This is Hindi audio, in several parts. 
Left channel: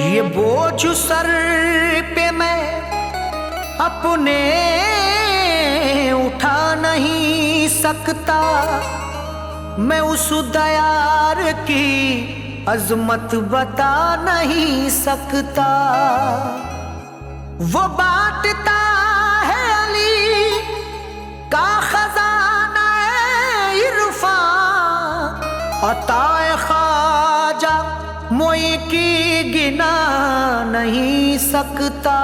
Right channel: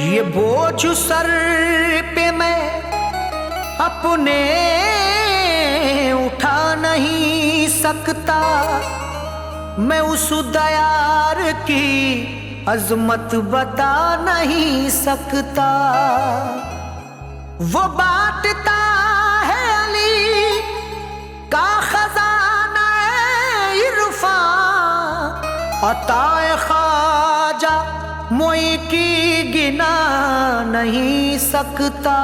ये बोझ सर पे मैं अपने उठा नहीं सकता, मैं उस दयार की अजमत बता नहीं सकता। वो बांटता है अली का खजाना इरफान, अताए ख्वाजा मोई की गिना नहीं सकता।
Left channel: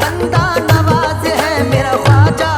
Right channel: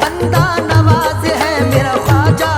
बंदा नवाज है मेरा ख्वाजा।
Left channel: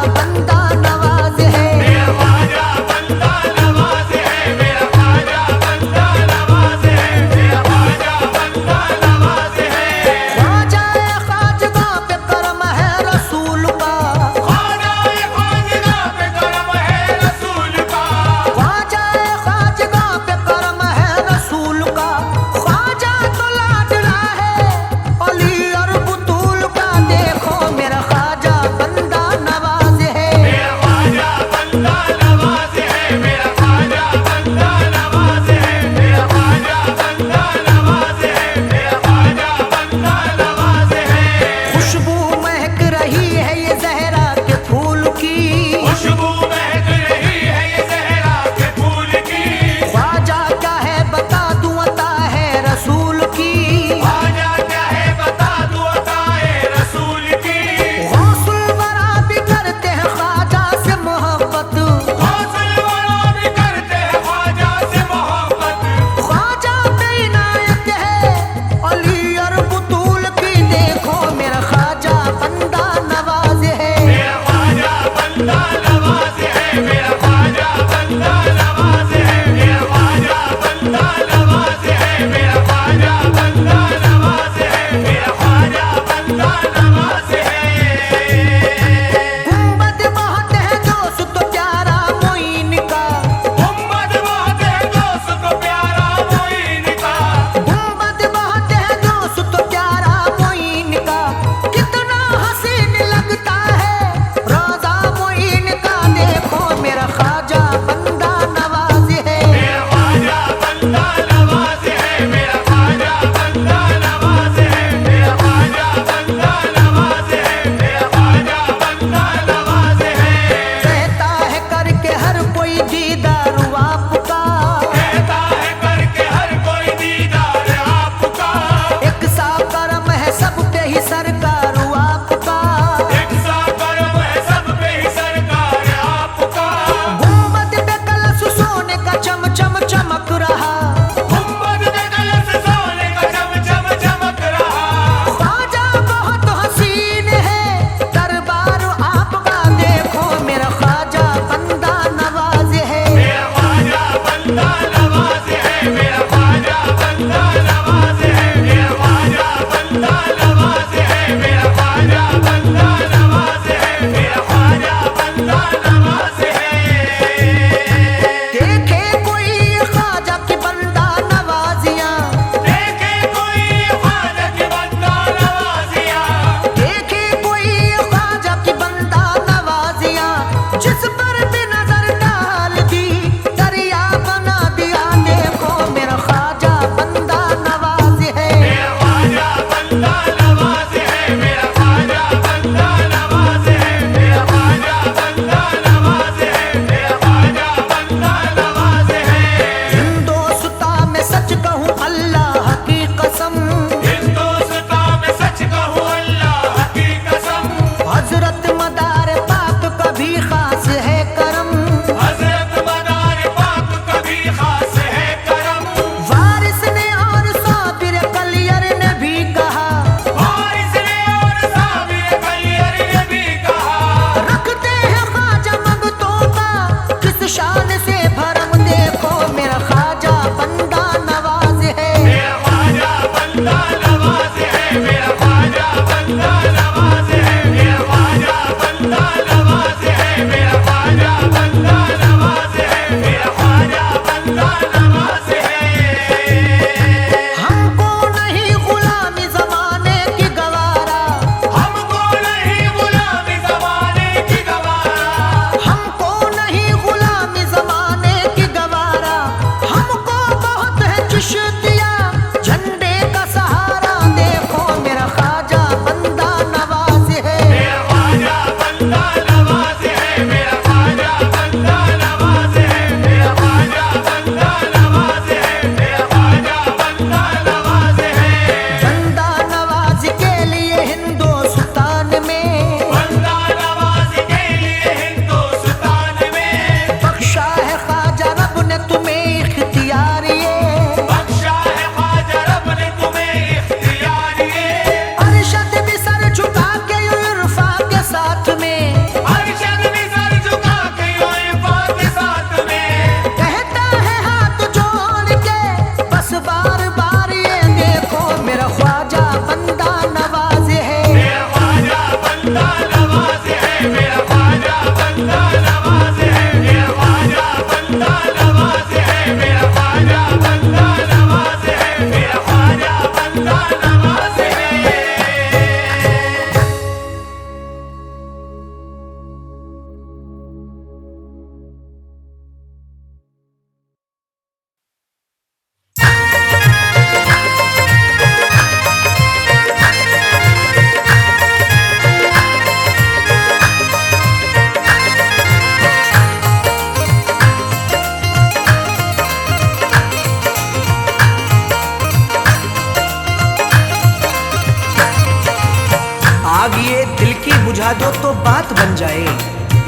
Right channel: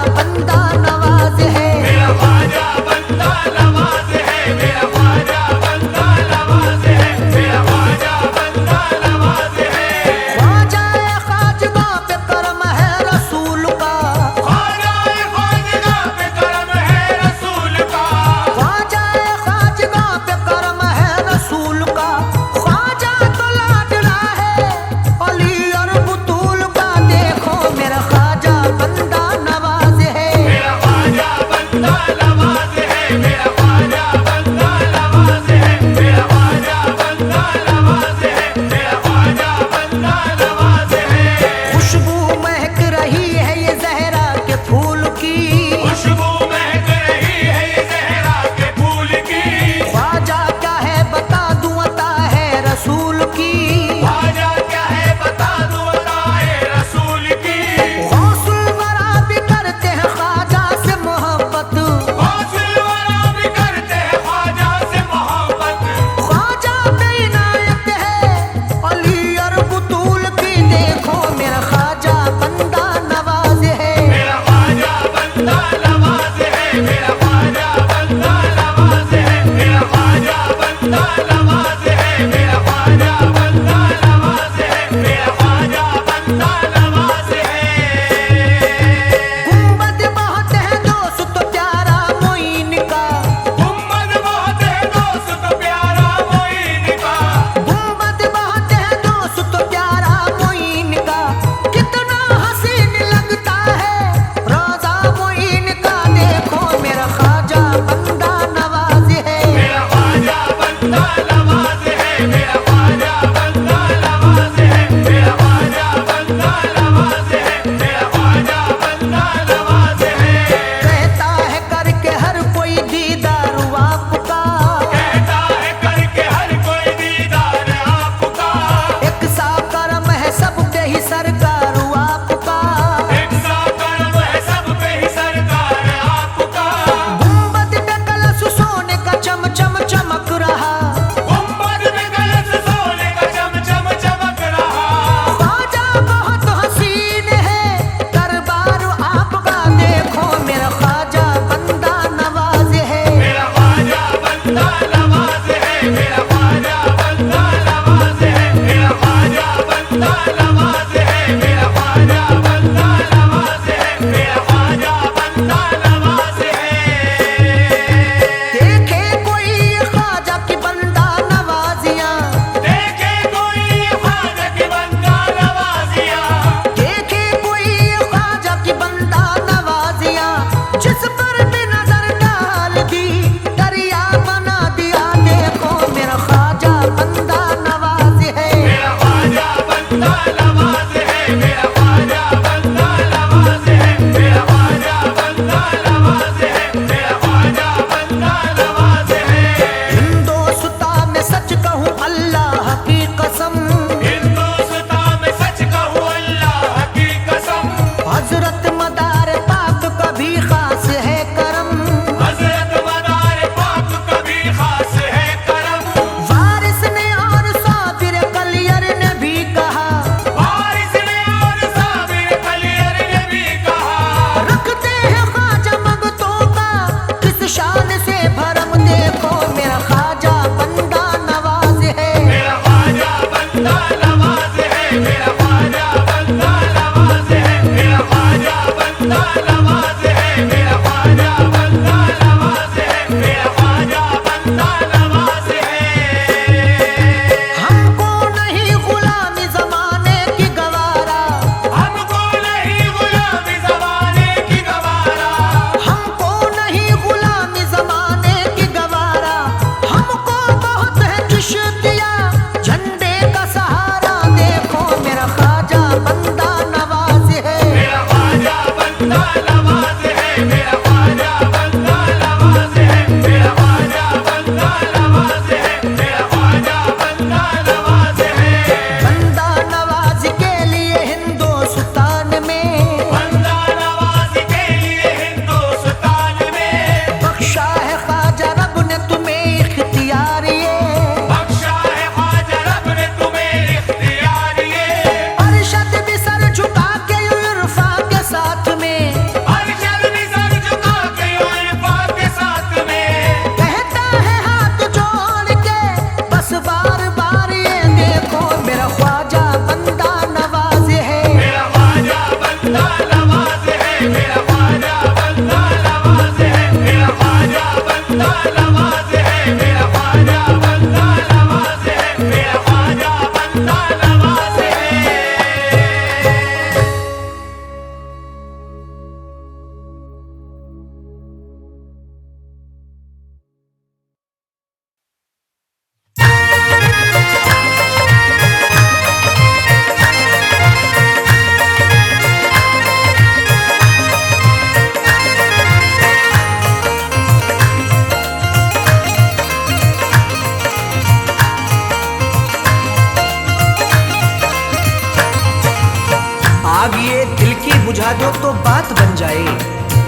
आग ये दिल की बुझा दो तो बात बन जाए,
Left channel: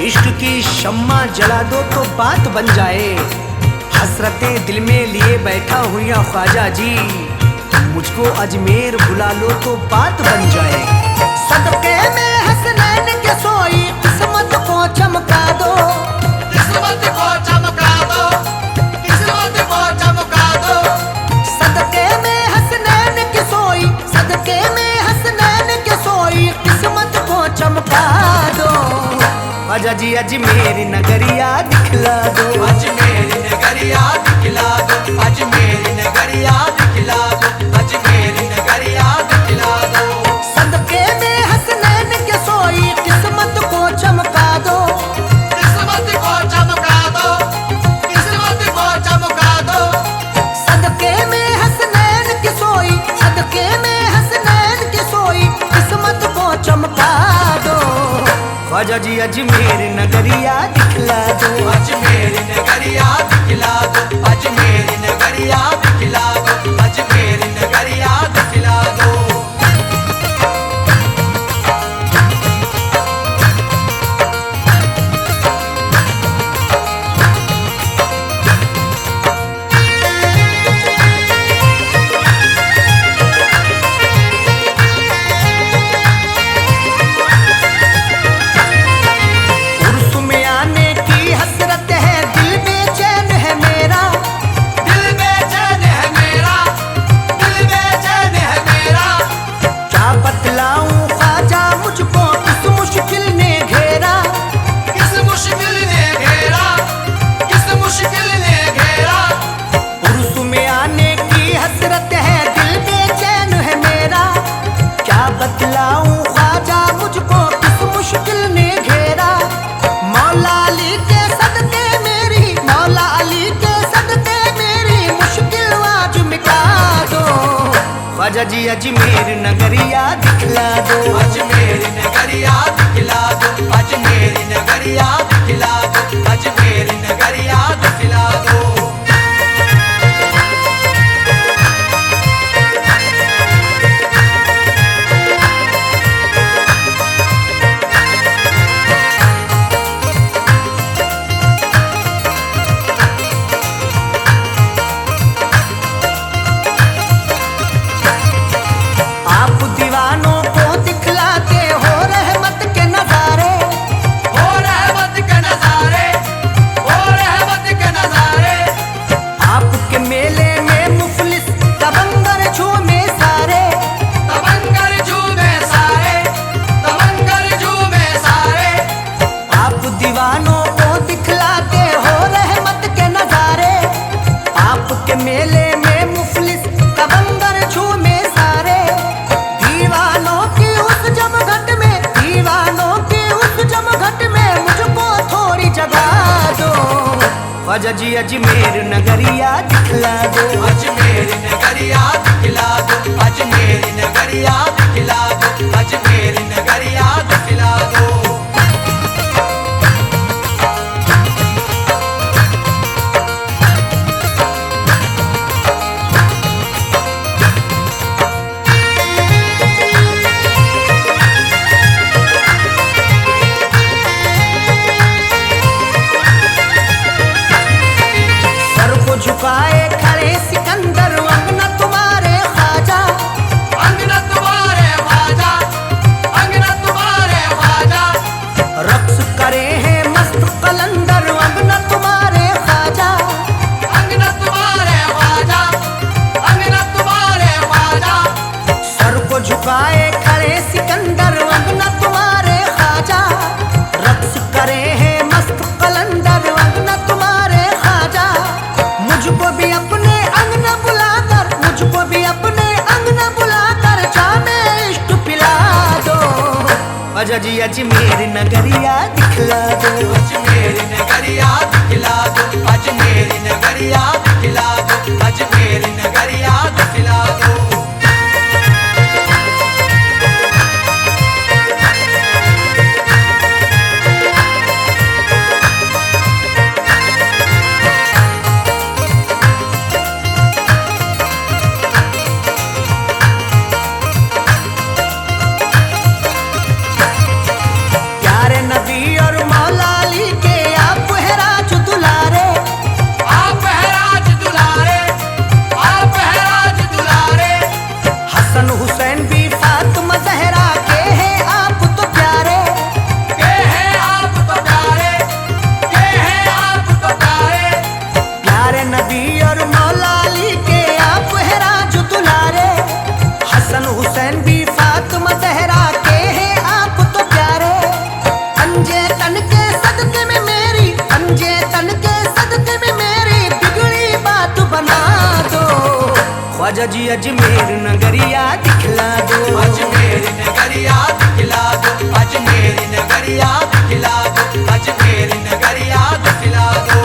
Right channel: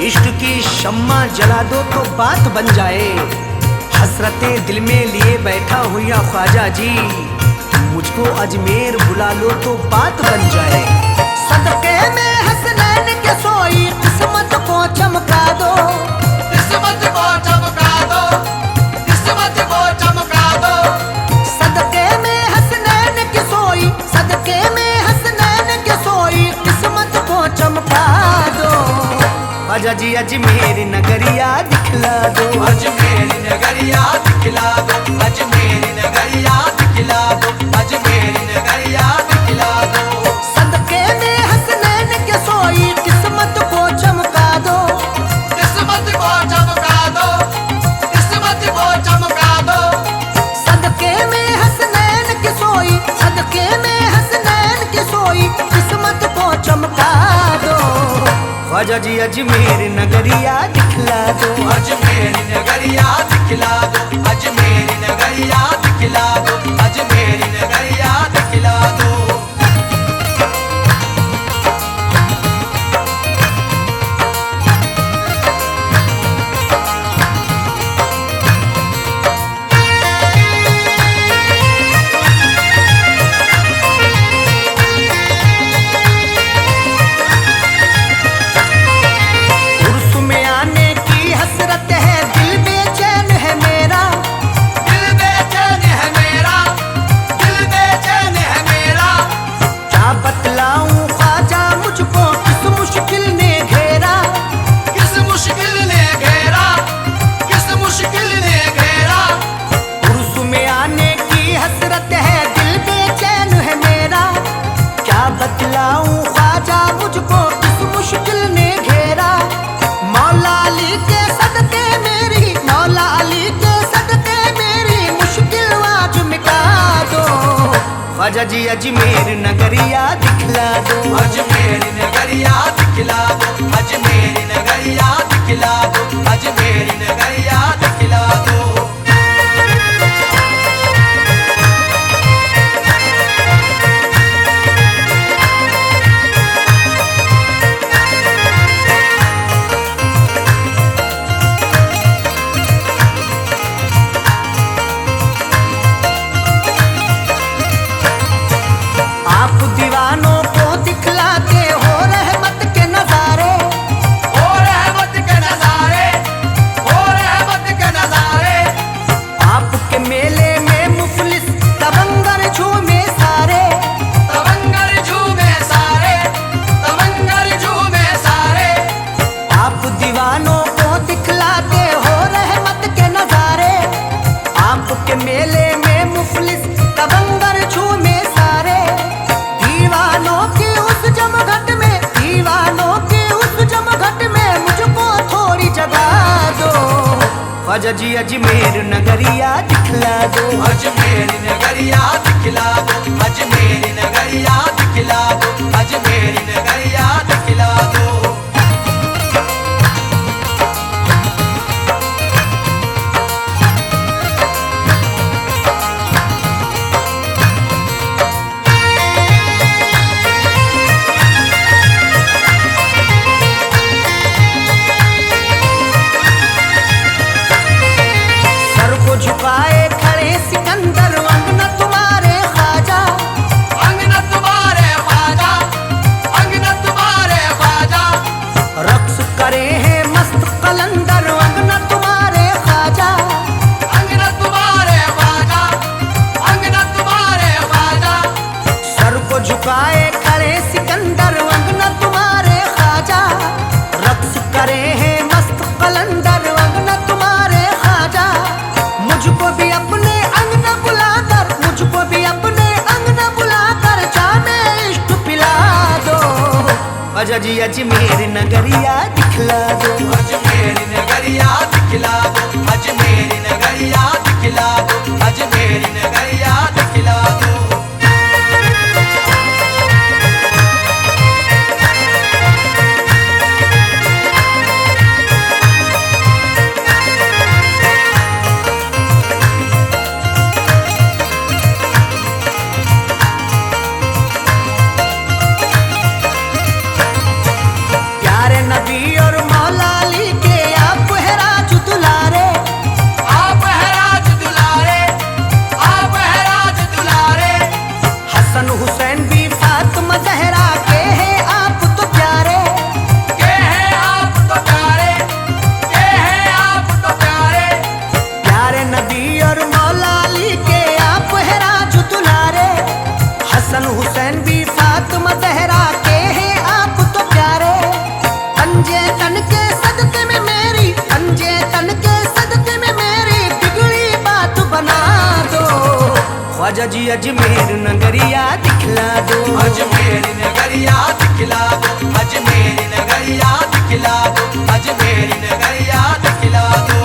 इश्क की शम्मा जला दो तो बात बन जाए। हसरतें दिल में लिए बैठा हूँ या ख्वाजा जी, मुझको अजमेर बुला लो तो बात बन जाए। सदके में हसनैन के सोई किस्मत को चमका दो, किस्मत को चमका दो, किस्मत को चमका दो। सदके में हसनैन के सोई, सदके में हसनैन के सोई किस्मत को चमका दो। ख्वाजा जी अजमेर नगरिया दिखला दो, अजमेर नगरिया दिखला दो, अजमेर नगरिया दिखला दो, अजमेर नगरिया दिखला दो। सदके में हसनैन के सोई किस्मत को चमका दो, किस्मत को चमका दो, किस्मत को चमका दो। सदके में हसनैन के सोई, सदके में हसनैन के सोई किस्मत को चमका दो। ख्वाजा जी अजमेर नगरिया दिखला दो, अजमेर नगरिया दिखला दो, अजमेर नगरिया दिखला दो, अजमेर नगरिया दिखला दो। बतलाऊं ख्वाजा मुझको किस मुश्किल ने घेरा, किस मुश्किल ने घेरा, किस मुश्किल ने घेरा। उर्स में आने की हसरत है दिल बेचैन है मेरा। क्या बतलाऊं ख्वाजा मुझको किस मुश्किल ने घेरा। मौला अली के सदके मेरी, मौला अली के सदके मेरी मुश्किल आज मिटा दो। ख्वाजा जी अजमेर नगरिया दिखला दो, अजमेर नगरिया दिखला दो, अजमेर नगरिया दिखला दो, अजमेर नगरिया दिखला दो। आप दीवानों को दिखलाते हो रहमत के नजारे, हो रहमत के नजारे, हो रहमत के नजारे। आपके मेले में मुफलिस तबंगर झूमे सारे, तबंगर झूमे सारे, तबंगर झूमे सारे। आप दीवानों को दिखलाते हो रहमत के नजारे। आपके मेले में मुफलिस तबंगर झूमे सारे। दीवानों की उस जमघट में, दीवानों की उस जमघट में मुझको थोड़ी जगह दो। ख्वाजा जी अजमेर नगरिया दिखला दो, अजमेर नगरिया दिखला दो, अजमेर नगरिया दिखला दो, अजमेर नगरिया दिखला दो। झुकाए खड़े सिकंदर अंगना तुम्हारे ख्वाजा, अंगना तुम्हारे ख्वाजा, अंगना तुम्हारे ख्वाजा। रक्स करे हैं मस्त कलंदर अंगना तुम्हारे ख्वाजा, अंगना तुम्हारे ख्वाजा, अंगना तुम्हारे ख्वाजा। सर को झुकाए खड़े सिकंदर अंगना तुम्हारे ख्वाजा। रक्स करे हैं मस्त कलंदर अंगना तुम्हारे ख्वाजा। मुझको भी अपने अंगना बुलाकर, मुझको भी अपने अंगना बुलाकर जामे इश्क पिला दो। ख्वाजा जी अजमेर नगरिया दिखला दो, अजमेर नगरिया दिखला दो, अजमेर नगरिया दिखला दो, अजमेर नगरिया दिखला दो। हसन हुसैन भी फातिमा ज़हरा के हैं आप तो प्यारे। पंजे तन के सदके में मेरी, पंजे तन के सदके में मेरी बिगड़ी बात बना दो। ख्वाजा जी अजमेर नगरिया दिखला दो, अजमेर नगरिया दिखला दो, अजमेर नगरिया दिखला दो, अजमेर नगरिया दिखला दो।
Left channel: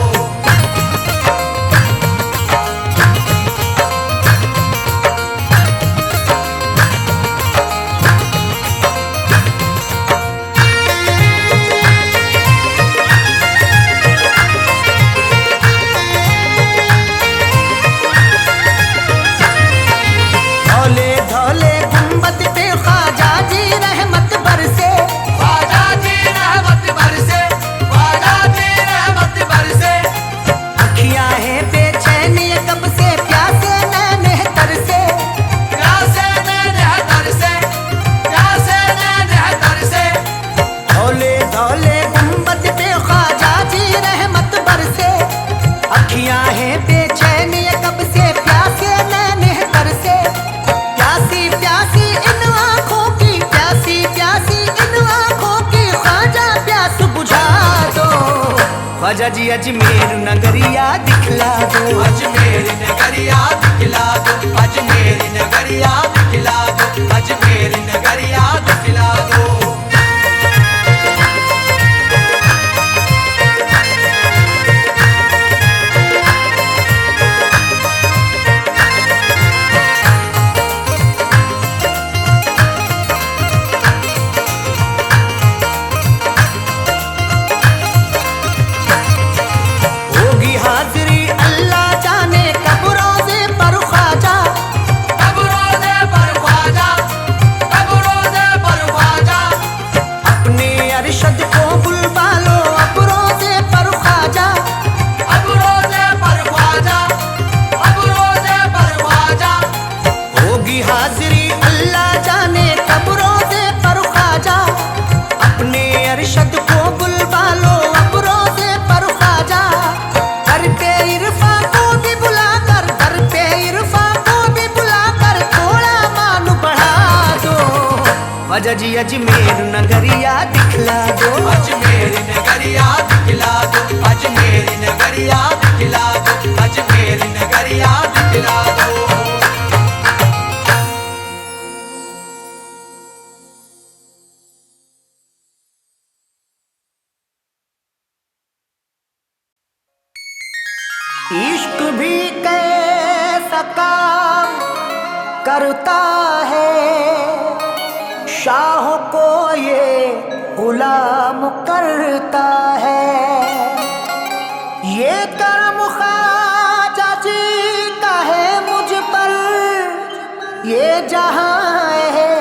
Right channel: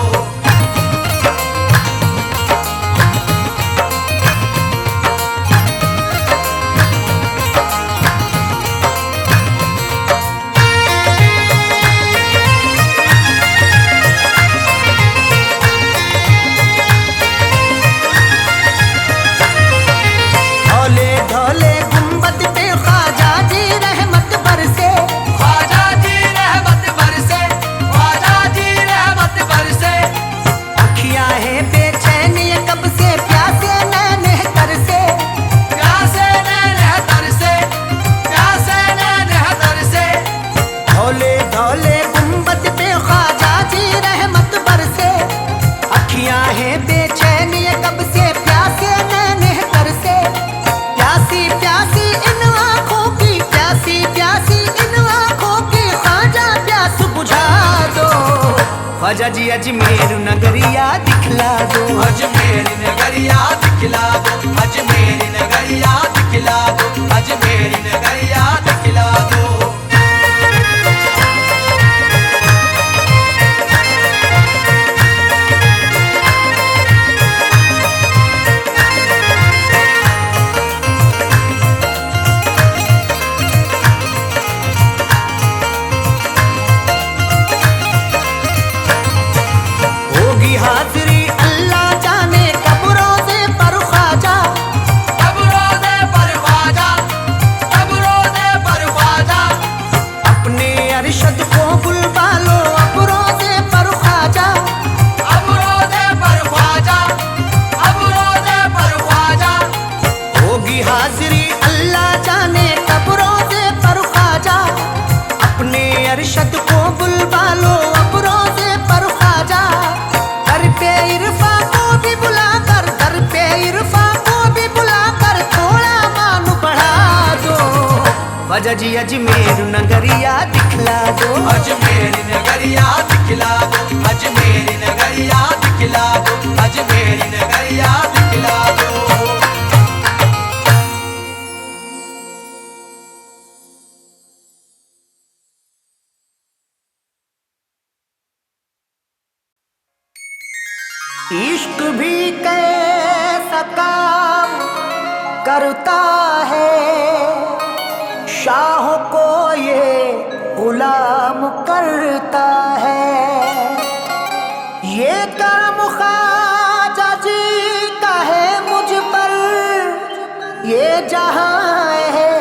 धौले धौले गुंबद पे ख्वाजा जी रहमत बरसे, ख्वाजा जी रहमत बरसे, ख्वाजा जी रहमत बरसे। अखियां हैं बेचैन ये कब से प्यासे नैने तरसे। प्यासे नैने तरसे, प्यासे नैने तरसे। धौले धौले गुंबद पे ख्वाजा जी रहमत बरसे, अखियां हैं बेचैन ये कब से प्यासे नैने तरसे। प्यासी प्यासी इन आँखों की, प्यासी प्यासी इन आँखों की ख्वाजा प्यास बुझा दो। ख्वाजा जी अजमेर नगरिया दिखला दो, अजमेर नगरिया दिखला दो, अजमेर नगरिया दिखला दो, अजमेर नगरिया दिखला दो। होगी हाजिरी अल्लाह जाने कब रोज़े पर ख्वाजा, कब रोज़े पर ख्वाजा, कब रोज़े पर ख्वाजा। अपने अरशद को बुलवा लो अब रोज़े पर ख्वाजा। अब रोज़े पर ख्वाजा, अब रोज़े पर ख्वाजा। होगी हाजिरी अल्लाह जाने कब रोज़े पर ख्वाजा, अपने अरशद को बुलवा लो अब रोज़े पर ख्वाजा। दर पे इरफा को भी बुलाकर, दर पे इरफा को भी बुलाकर थोड़ा मान बढ़ा दो। ख्वाजा जी अजमेर नगरिया दिखला दो, अजमेर नगरिया दिखला दो, अजमेर नगरिया दिखला दो, अजमेर नगरिया दिखला दो। इश्क भी कैसा काम करता है, शाहों को ये गुलाम करता है। ये करम ख्वाजा जी का है मुझ पर, ये जहां है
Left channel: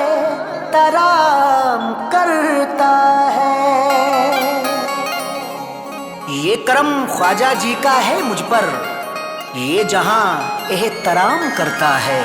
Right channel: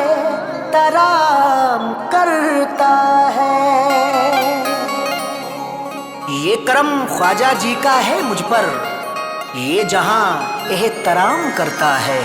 तराम करता है। ये करम ख्वाजा जी का है मुझ पर, ये जहां एहतराम करता है।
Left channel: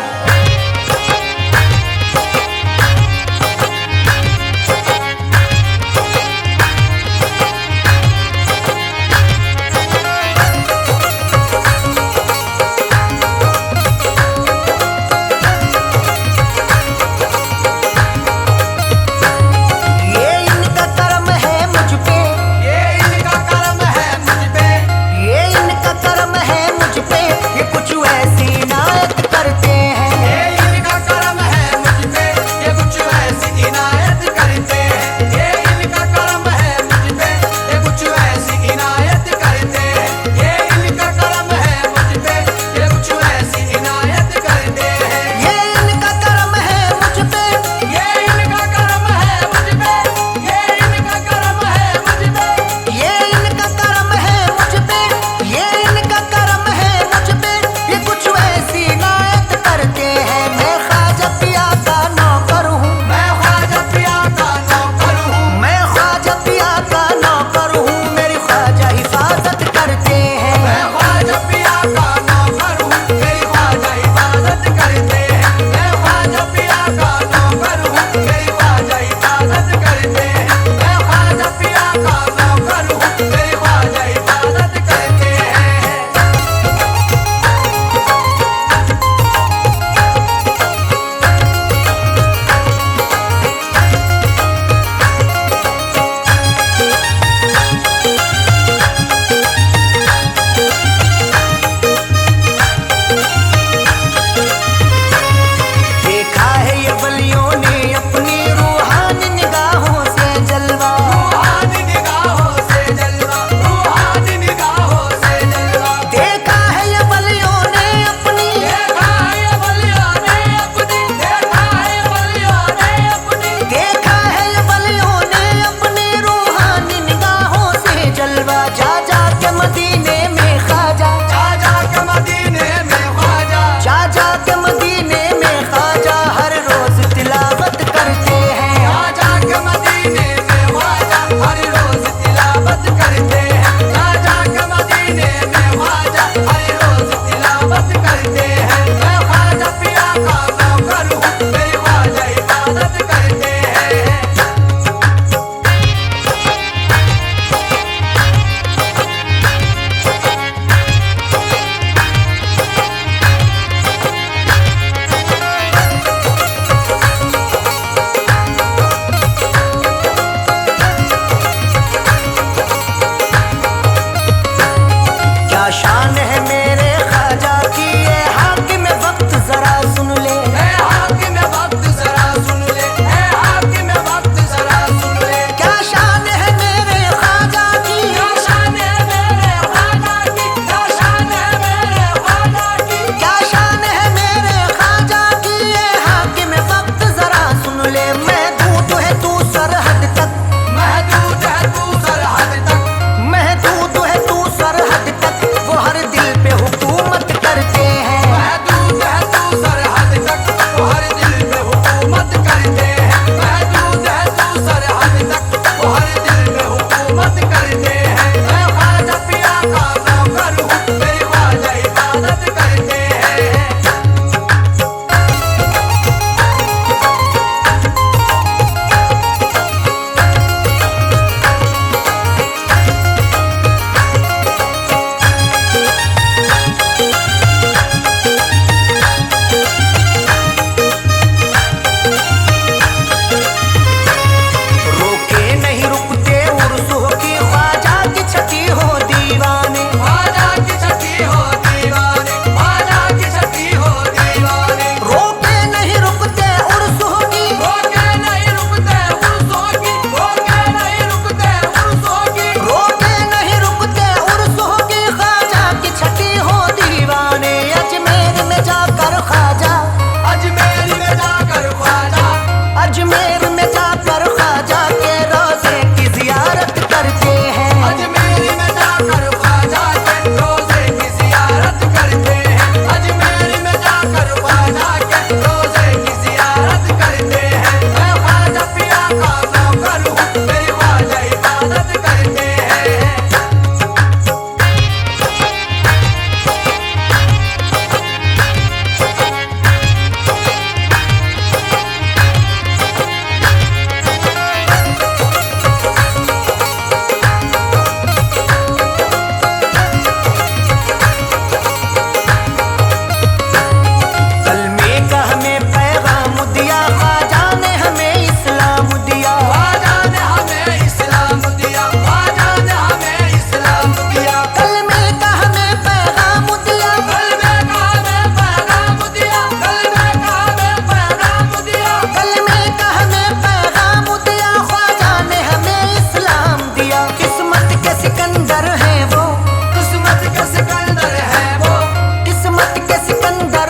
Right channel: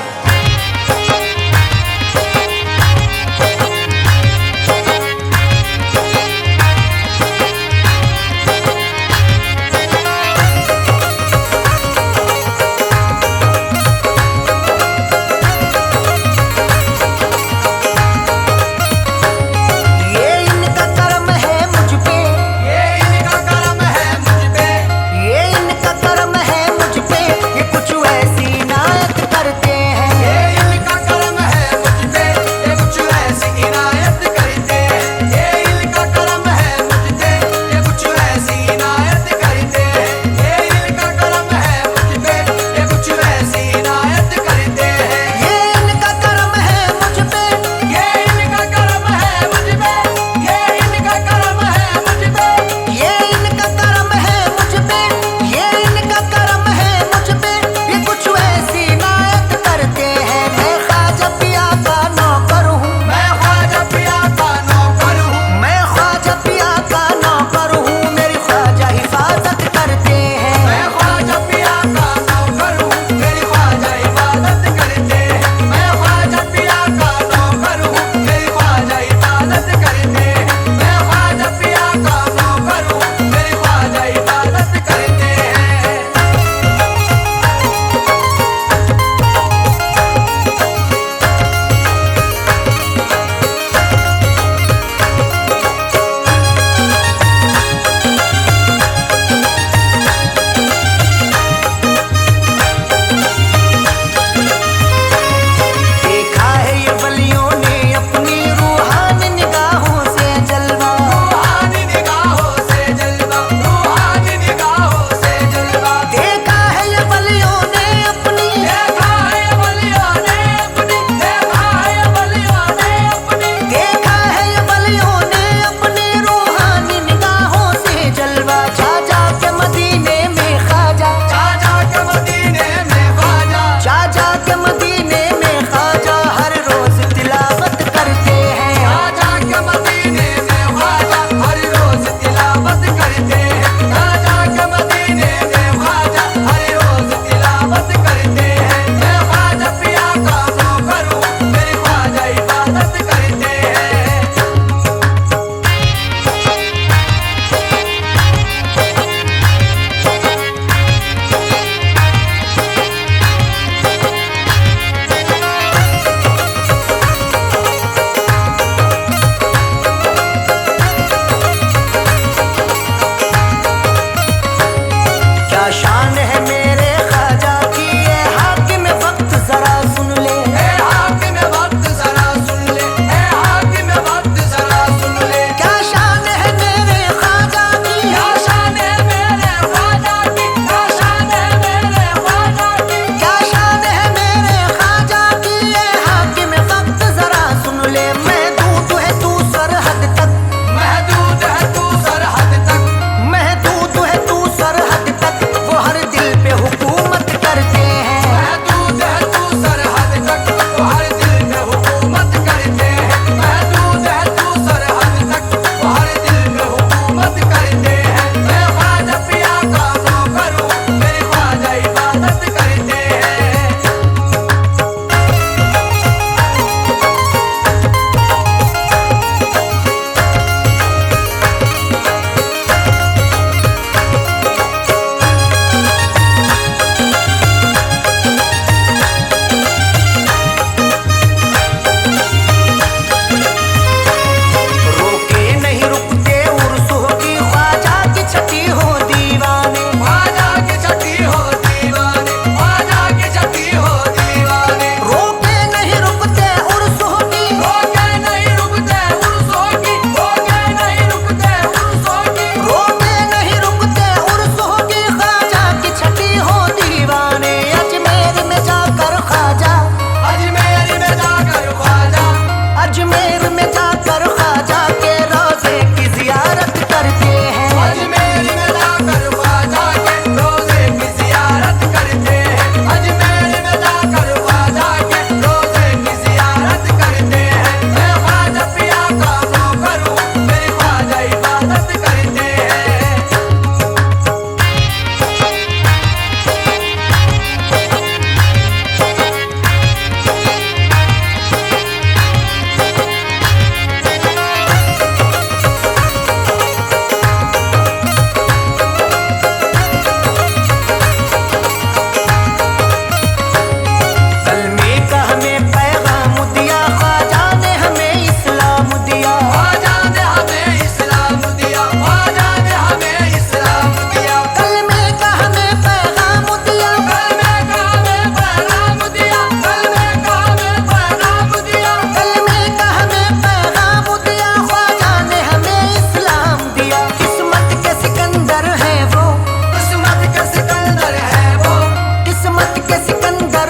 ये इनका करम है मुझ पे, ये इनका करम है मुझ पे, ये इनका करम है मुझ पे, ये कुछ ऐसी इनायत करते हैं। ये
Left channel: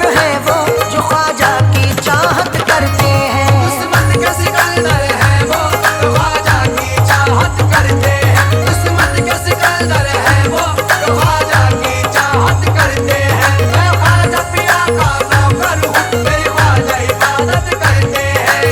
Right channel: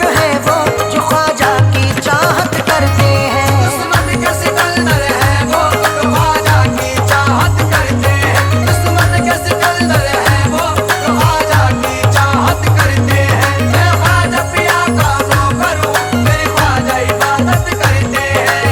लोग हैं वो जो ख्वाजा की चाहत करते हैं। किस्मत के सिकंदर हैं वो तो ख्वाजा की चाहत करते हैं। किस्मत के सिकंदर हैं वो तो ख्वाजा की चाहत करते हैं। मैं ख्वाजा पिया का नौकर हूँ, मेरी ख्वाजा इबादत करते हैं।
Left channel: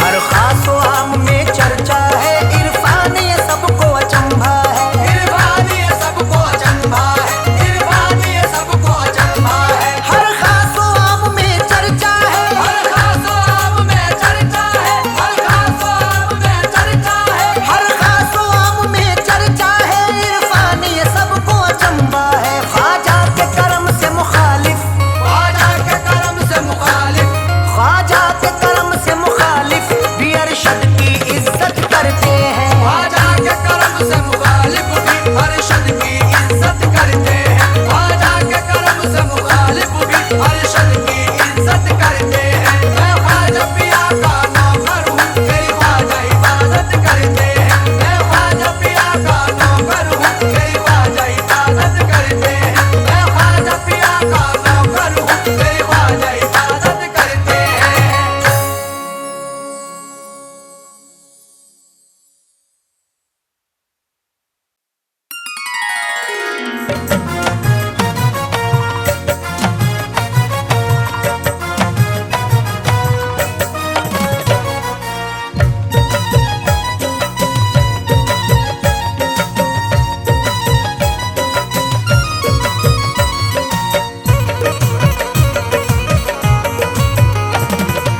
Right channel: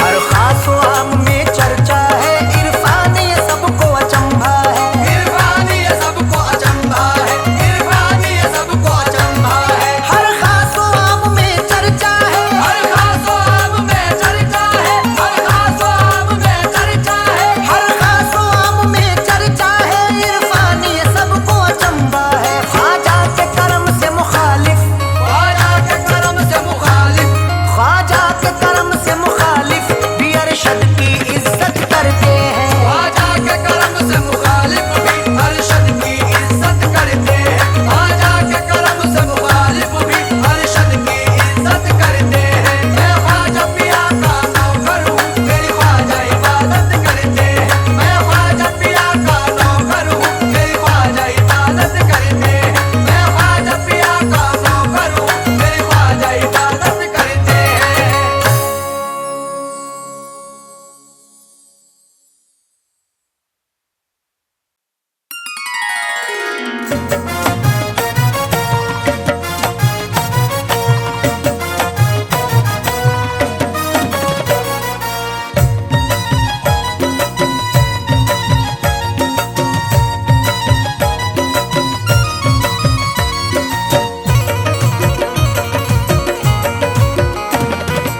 हर खास व आम में चर्चा है, इरफान ये सबको अचंभा है। इरफान ये सबको अचंभा है, इरफान ये सबको अचंभा है। हर खास व आम में चर्चा है, हर खास आम में चर्चा है, हर खास आम में चर्चा है। हर खास व आम में चर्चा है, इरफान ये सबको अचंभा है। ख्वाजा के करम से मुखालिफ, ख्वाजा के करम से मुखालिफ, ख्वाजा के करम से मुखालिफ भी अरशद की इज्जत करते हैं। ख्वाजा के करम से मुखालिफ भी अरशद की इज्जत करते हैं। ख्वाजा के करम से मुखालिफ भी अरशद की इज्जत करते हैं। मैं ख्वाजा पिया का नौकर हूँ, मेरी ख्वाजा इबादत करते हैं। मैं ख्वाजा पिया का नौकर हूँ, मेरी ख्वाजा इबादत करते हैं। मैं ख्वाजा पिया का नौकर हूँ, मेरी ख्वाजा इबादत करते हैं।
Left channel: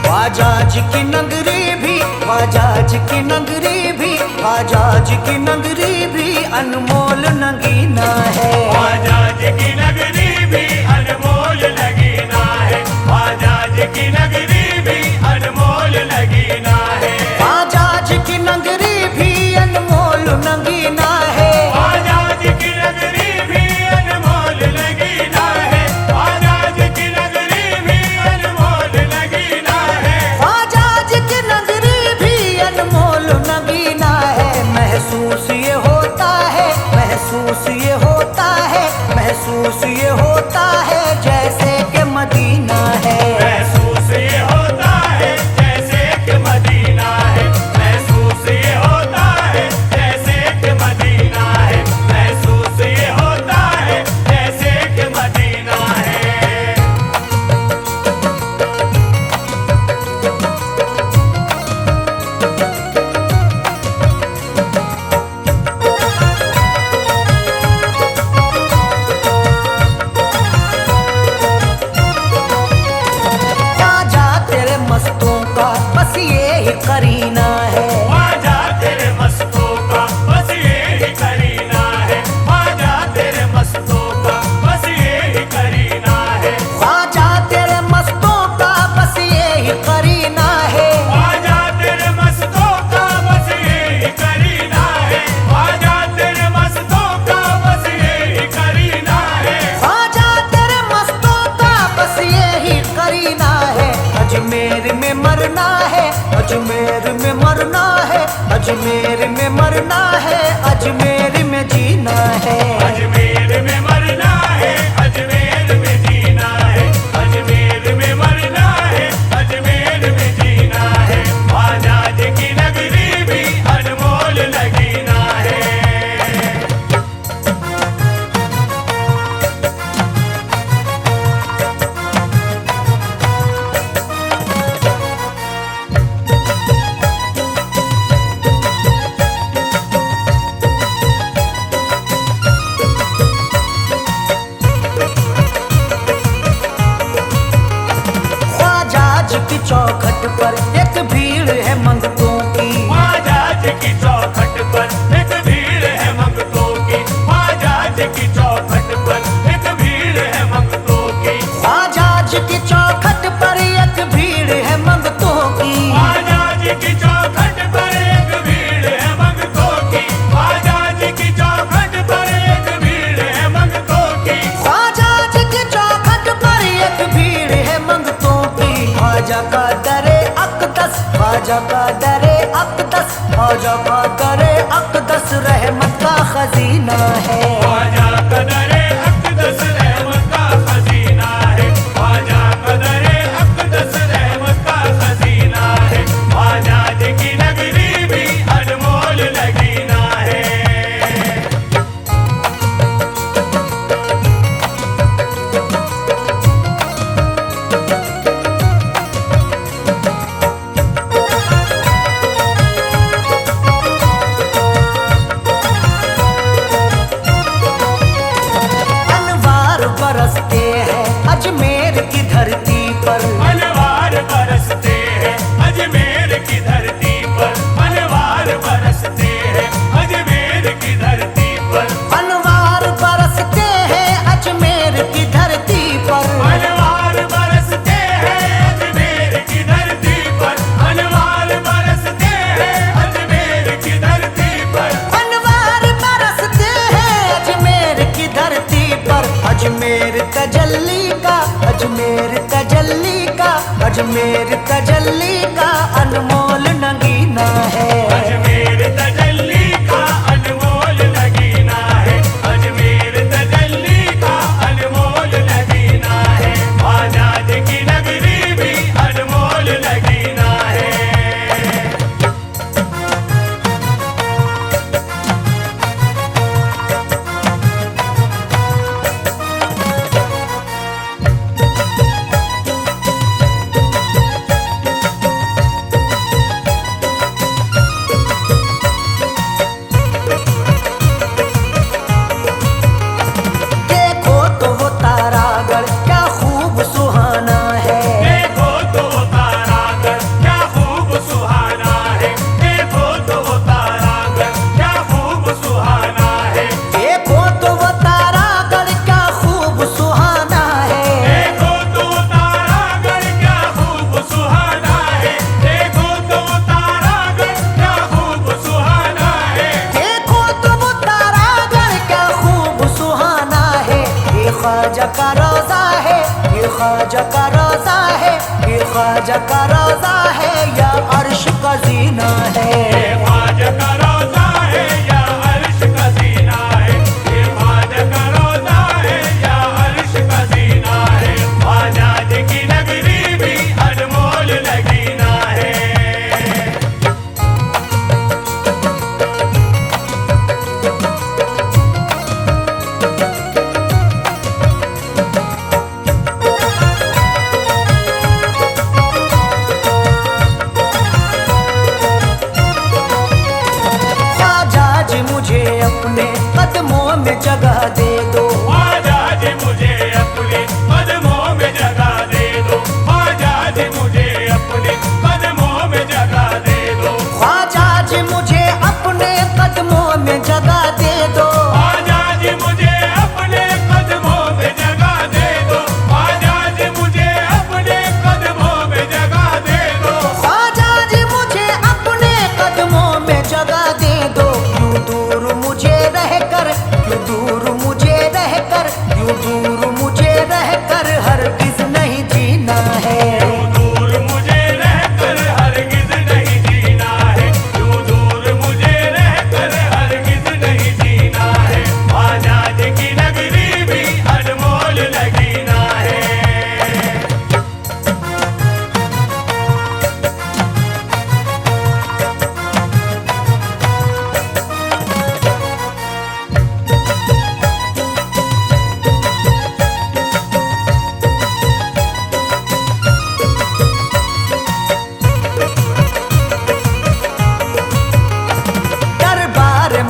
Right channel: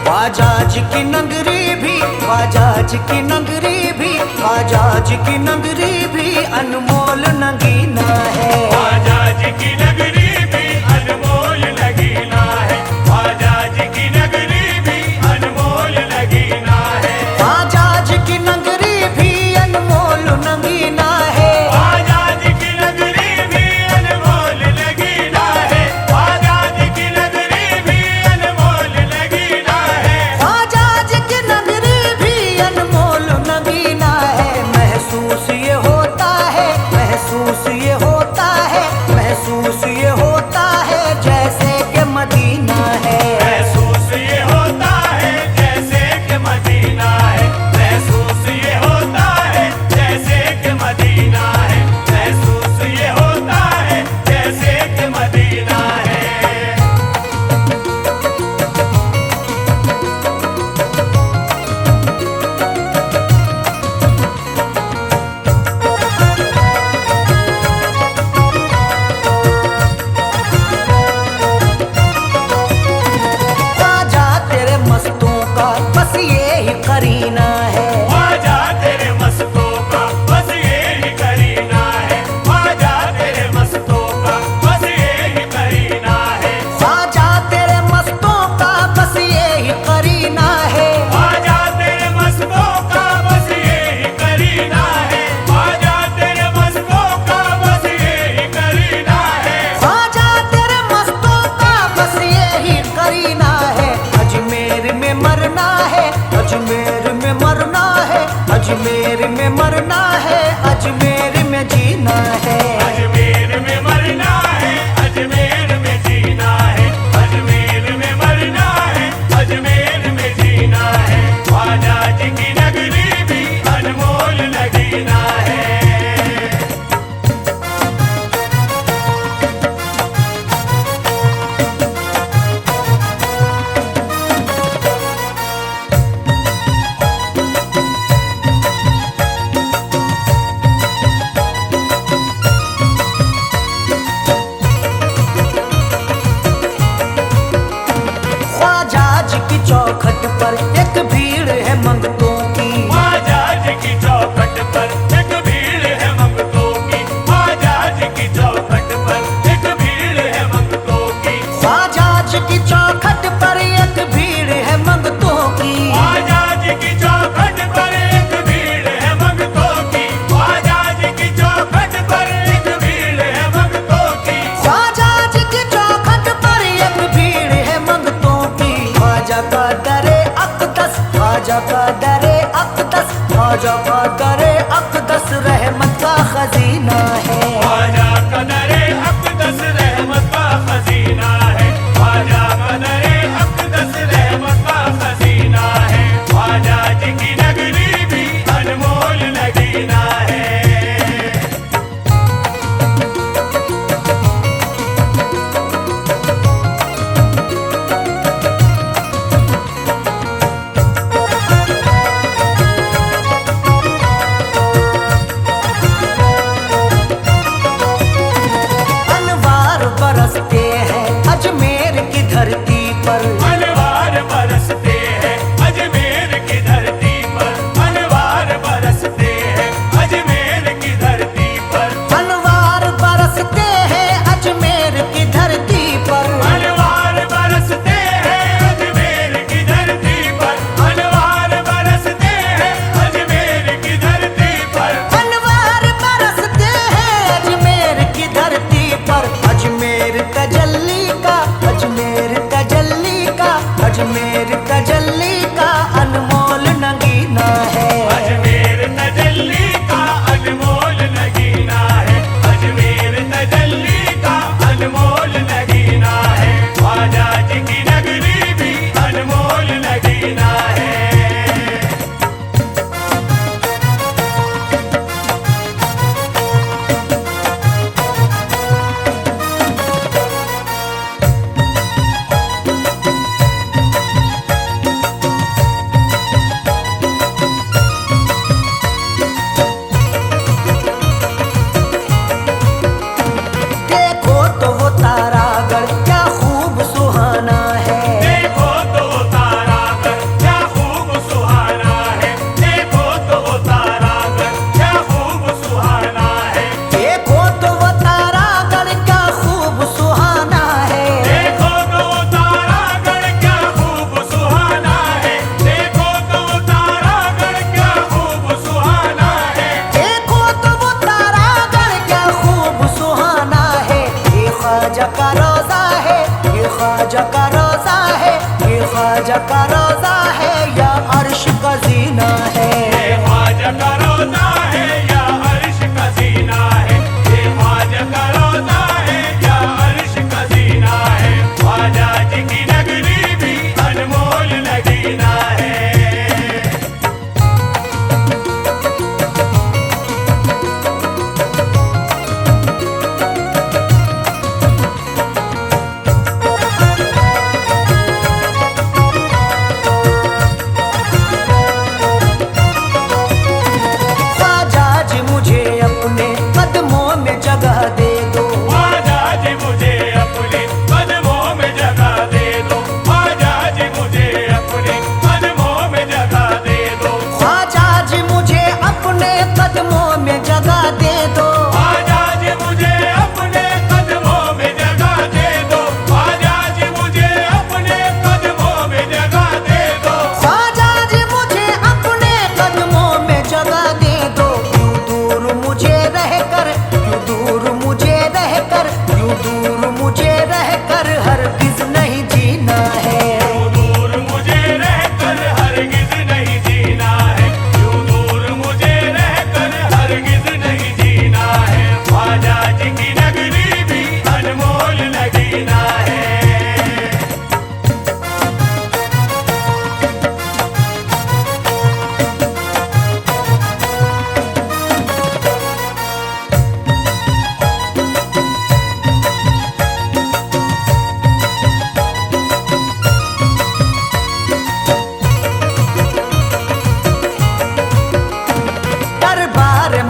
ख्वाजा जी की नगरी भी, ख्वाजा जी की नगरी भी, ख्वाजा जी की नगरी भी अनमोल नगीना है। ख्वाजा जी की नगरी भी अनमोल नगीना है। ख्वाजा जी की नगरी भी अनमोल नगीना है। ख्वाजा जी की नगरी भी अनमोल नगीना है। ख्वाजा जी की नगरी भी अनमोल नगीना है। ख्वाजा जी की नगरी भी अनमोल नगीना है। ख्वाजा जी की नगरी भी अनमोल नगीना है। महसूस ये होता है, महसूस ये होता है, महसूस ये होता है जैसे कि मदीना है। महसूस ये होता है जैसे कि मदीना है। महसूस ये होता है जैसे कि मदीना है। महसूस ये होता है जैसे कि मदीना है। ख्वाजा तेरे मस्तों का बस ये ही करीना है। ख्वाजा तेरे मस्तों का बस ये ही करीना है। ख्वाजा तेरे मस्तों का बस ये ही करीना है। ख्वाजा तेरे मस्तों का बस ये ही करीना है। ख्वाजा तेरे मस्तों का बस ये ही करीना है। ख्वाजा तेरे मस्तों का बस ये ही करीना है। ख्वाजा तेरे मस्तों का बस ये ही करीना है। अजमेर में मरना है, अजमेर में मरना है, अजमेर में मरना है, अजमेर में जीना है। अजमेर में मरना है, अजमेर में जीना है। अजमेर में मरना है, अजमेर में जीना है। ख्वाजा जी की नगरी भी अनमोल नगीना है। की चौखट पर एक भीड़ है मंगतों की। ख्वाजा जी की चौखट पर एक भीड़ है मंगतों की। ख्वाजा जी की चौखट पर एक भीड़ है मंगतों की। ख्वाजा जी की चौखट पर एक भीड़ है मंगतों की। ख्वाजा जी की चौखट पर एक भीड़ है मंगतों की। ख्वाजा जी की चौखट ख्वाजा का दरे अक़दस, ख्वाजा का दरे अक़दस रहमत का खजीना है। ख्वाजा का दरे अक़दस रहमत का खजीना है। ख्वाजा का दरे अक़दस रहमत का खजीना है। ख्वाजा जी की नगरी भी अनमोल नगीना है। बरसते हैं अजमेर की धरती पर, अनवार बरसते हैं अजमेर की धरती पर। अनवार बरसते हैं अजमेर की धरती पर। अनवार बरसते हैं अजमेर की धरती पर। अनवार बरसते हैं अजमेर की धरती पर। अनवार बरसते हैं अजमेर की धरती पर। अनवार बरसते हैं अजमेर की धरती पर। अजमेर तजल्ली का, अजमेर तजल्ली का, अजमेर तजल्ली का अनमोल नगीना है। अजमेर तजल्ली का अनमोल नगीना है। अजमेर तजल्ली का अनमोल नगीना है। ख्वाजा जी की नगरी भी अनमोल नगीना है। तारागढ़ क्या खूब सुहाना है। देखो तो वो तारागढ़ क्या खूब सुहाना है। देखो तो वो तारागढ़ क्या खूब सुहाना है। देखो तो वो तारागढ़ क्या खूब सुहाना है। देखो तो वो तारागढ़ क्या खूब सुहाना है। देखो तो वो तारागढ़ क्या खूब सुहाना है। देखो तो वो तारागढ़ क्या खूब सुहाना है। ये ख्वाजा का रोजा है, ये ख्वाजा का रोजा है, ये ख्वाजा का रोजा है या अर्श का जीना है। ये ख्वाजा का रोजा है या अर्श का जीना है। ये ख्वाजा का रोजा है या अर्श का जीना है। ख्वाजा जी की नगरी भी अनमोल नगीना है। मुझे अपने कदमों में जगह दे दो। ख्वाजा जी मुझे अपने कदमों में जगह दे दो। ख्वाजा जी मुझे अपने कदमों में जगह दे दो। ख्वाजा जी मुझे अपने कदमों में जगह दे दो। ख्वाजा जी मुझे अपने कदमों में जगह दे दो। ख्वाजा जी मुझे अपने कदमों में जगह दे दो। ख्वाजा जी मुझे अपने कदमों में जगह दे दो। दूर मुझे रहकर, क्यों दूर मुझे रहकर, क्यों दूर मुझे रहकर हरगिज नहीं जीना है। दूर मुझे रहकर हरगिज नहीं जीना है। क्यों दूर मुझे रहकर हरगिज नहीं जीना है। ख्वाजा जी की नगरी भी अनमोल नगीना है।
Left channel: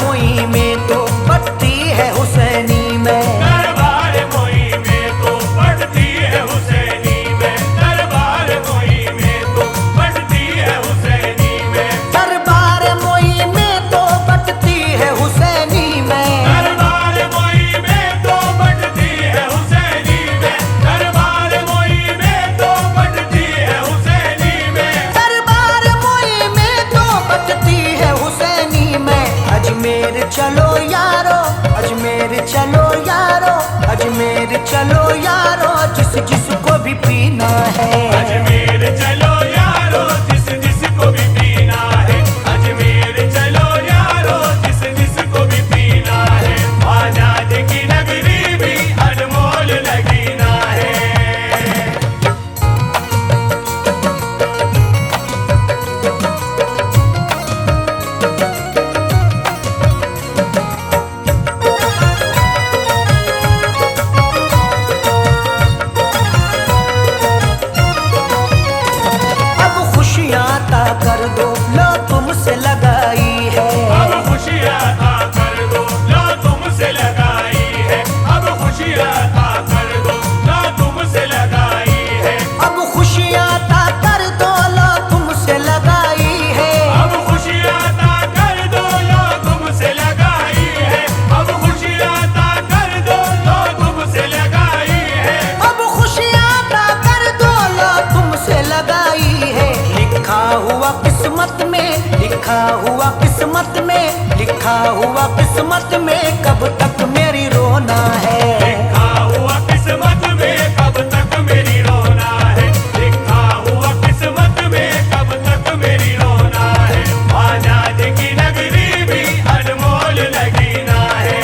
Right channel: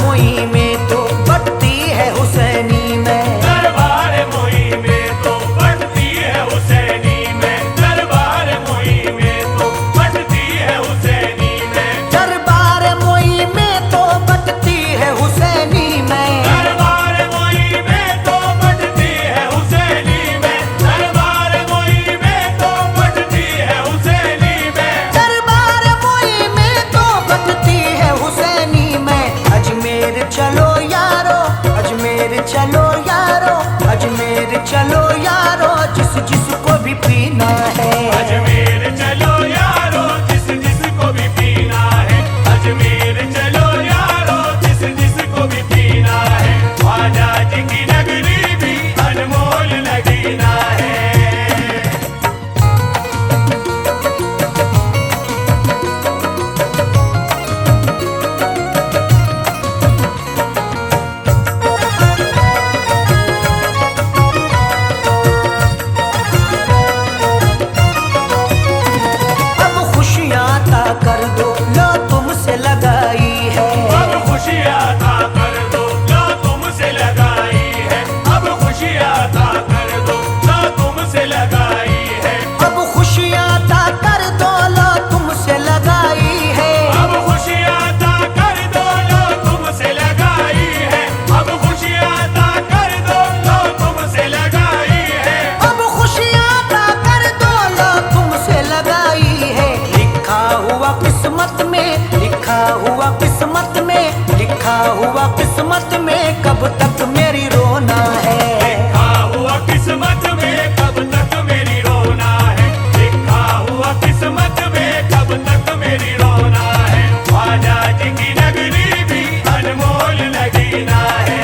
मोई में तो बढ़ती है हुसैनी में। दरबार मोई में तो बढ़ती है हुसैनी में। दरबार मोई में तो बढ़ती है हुसैनी में। दरबार मोई में तो बढ़ती है हुसैनी में। दरबार मोई में तो बढ़ती है हुसैनी में। दरबार मोई में तो बढ़ती है हुसैनी में। दरबार मोई में तो बढ़ती है हुसैनी में। अजमेर चलो यारो, अजमेर चलो यारो, अजमेर चलो यारो, जिस जिस को भी पीना है। अजमेर चलो यारो, जिस जिस को भी लिखा हुआ किस्मत में, लिखा हुआ किस्मत में कब तक मेरी रोना है। लिखा हुआ किस्मत में कब तक मेरी रोना है, लिखा हुआ किस्मत में कब तक मेरी रोना है। ख्वाजा जी की नगरी भी अनमोल नगीना है।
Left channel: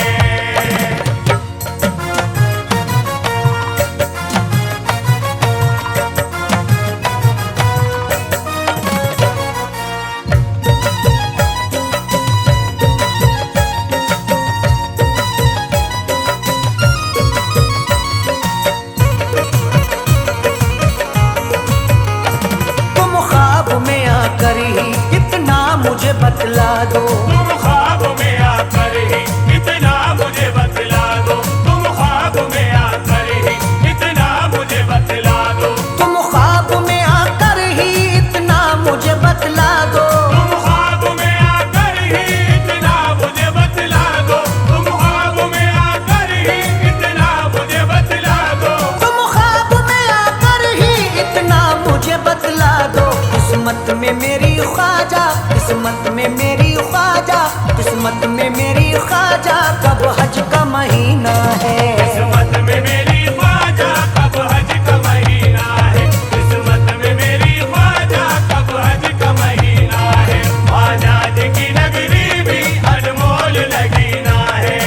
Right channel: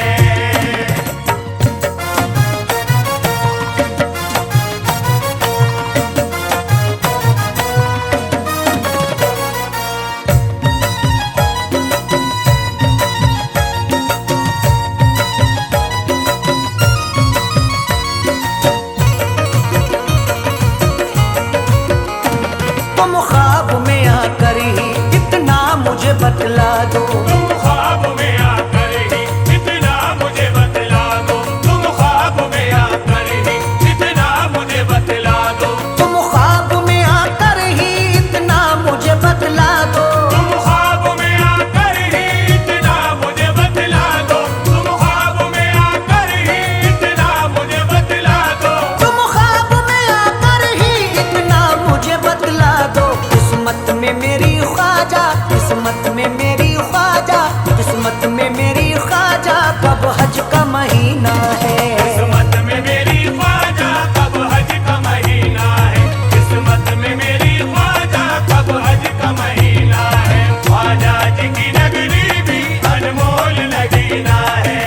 तुम ख्वाब में आकर ही इतना मुझे बतला दो, तुम ख्वाब में आकर ही इतना मुझे बतला दो, तुम ख्वाब में आकर ही इतना मुझे बतला दो, तुम ख्वाब में आकर ही इतना मुझे बतला दो, तुम ख्वाब में आकर ही इतना मुझे बतला दो, तुम ख्वाब में आकर ही इतना मुझे बतला दो। तुम ख्वाब में आकर ही इतना मुझे बतला दो। किस्मत में मेरी ख्वाजा, किस्मत में मेरी ख्वाजा, किस्मत में मेरी ख्वाजा कब हज का महीना है। किस्मत में मेरी ख्वाजा कब हज का महीना है, किस्मत में मेरी ख्वाजा कब हज का महीना है। ख्वाजा जी की नगरी भी अनमोल नगीना है।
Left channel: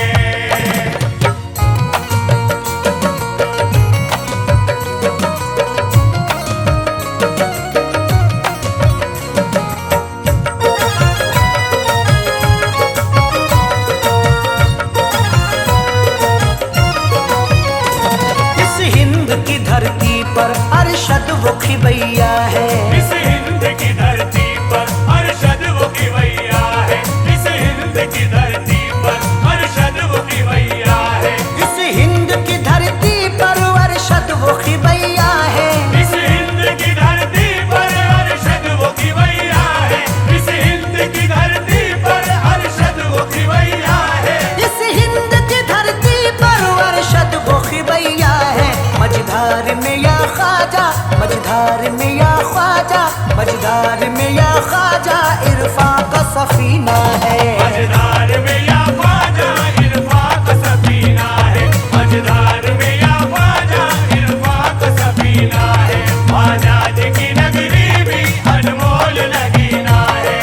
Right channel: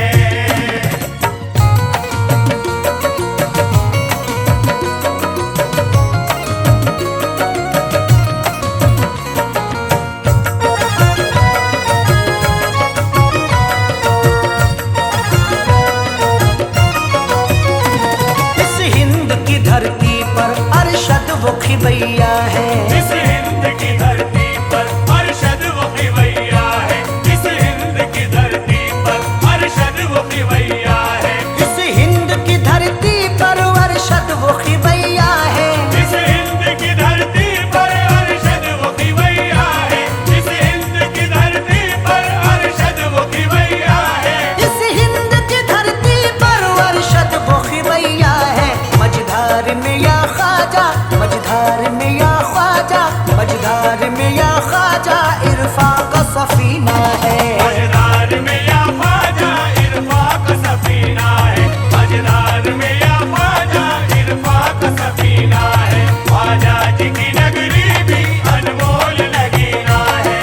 धरती पर अरशद वो खिवैया है, इस हिंद की धरती पर अरशद वो खिवैया है, इस हिंद की धरती पर अरशद वो खिवैया है, इस हिंद की धरती पर अरशद वो खिवैया है, इस हिंद की धरती पर अरशद वो खिवैया है, इस हिंद की धरती पर अरशद वो खिवैया है, इस हिंद की धरती पर अरशद वो खिवैया है। मझधार में या ख्वाजा, मझधार में या ख्वाजा, मझधार में या ख्वाजा इरफा का सफीना है। मझधार में या ख्वाजा इरफा का सफीना है, मझधार में या ख्वाजा इरफा का सफीना है। ख्वाजा जी की नगरी भी अनमोल नगीना है।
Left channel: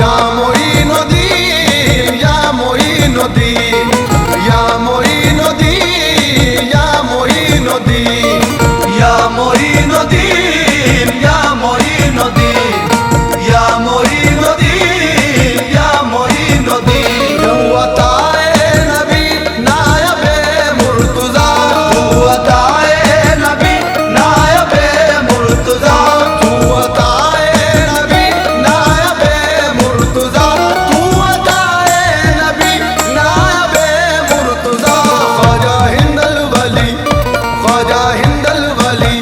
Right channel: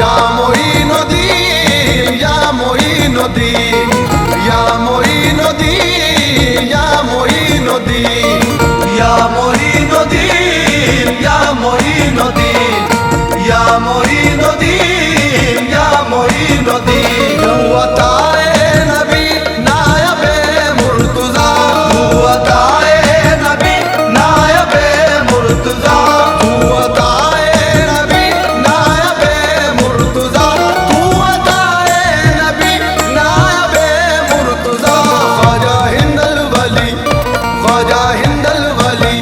या मोइनुद्दीन, या मोइनुद्दीन, या मोइनुद्दीन, या मोइनुद्दीन, या मोइनुद्दीन, या मोइनुद्दीन, या मोइनुद्दीन, या मोइनुद्दीन। वताए नबी नायबे मुर्तजा, वताए नबी नायबे मुर्तजा, वताए नबी नायबे मुर्तजा, तू वताए नबी नायबे मुर्तजा। ख्वाजा हिंदल वली, ख्वाजा हिंदल वली,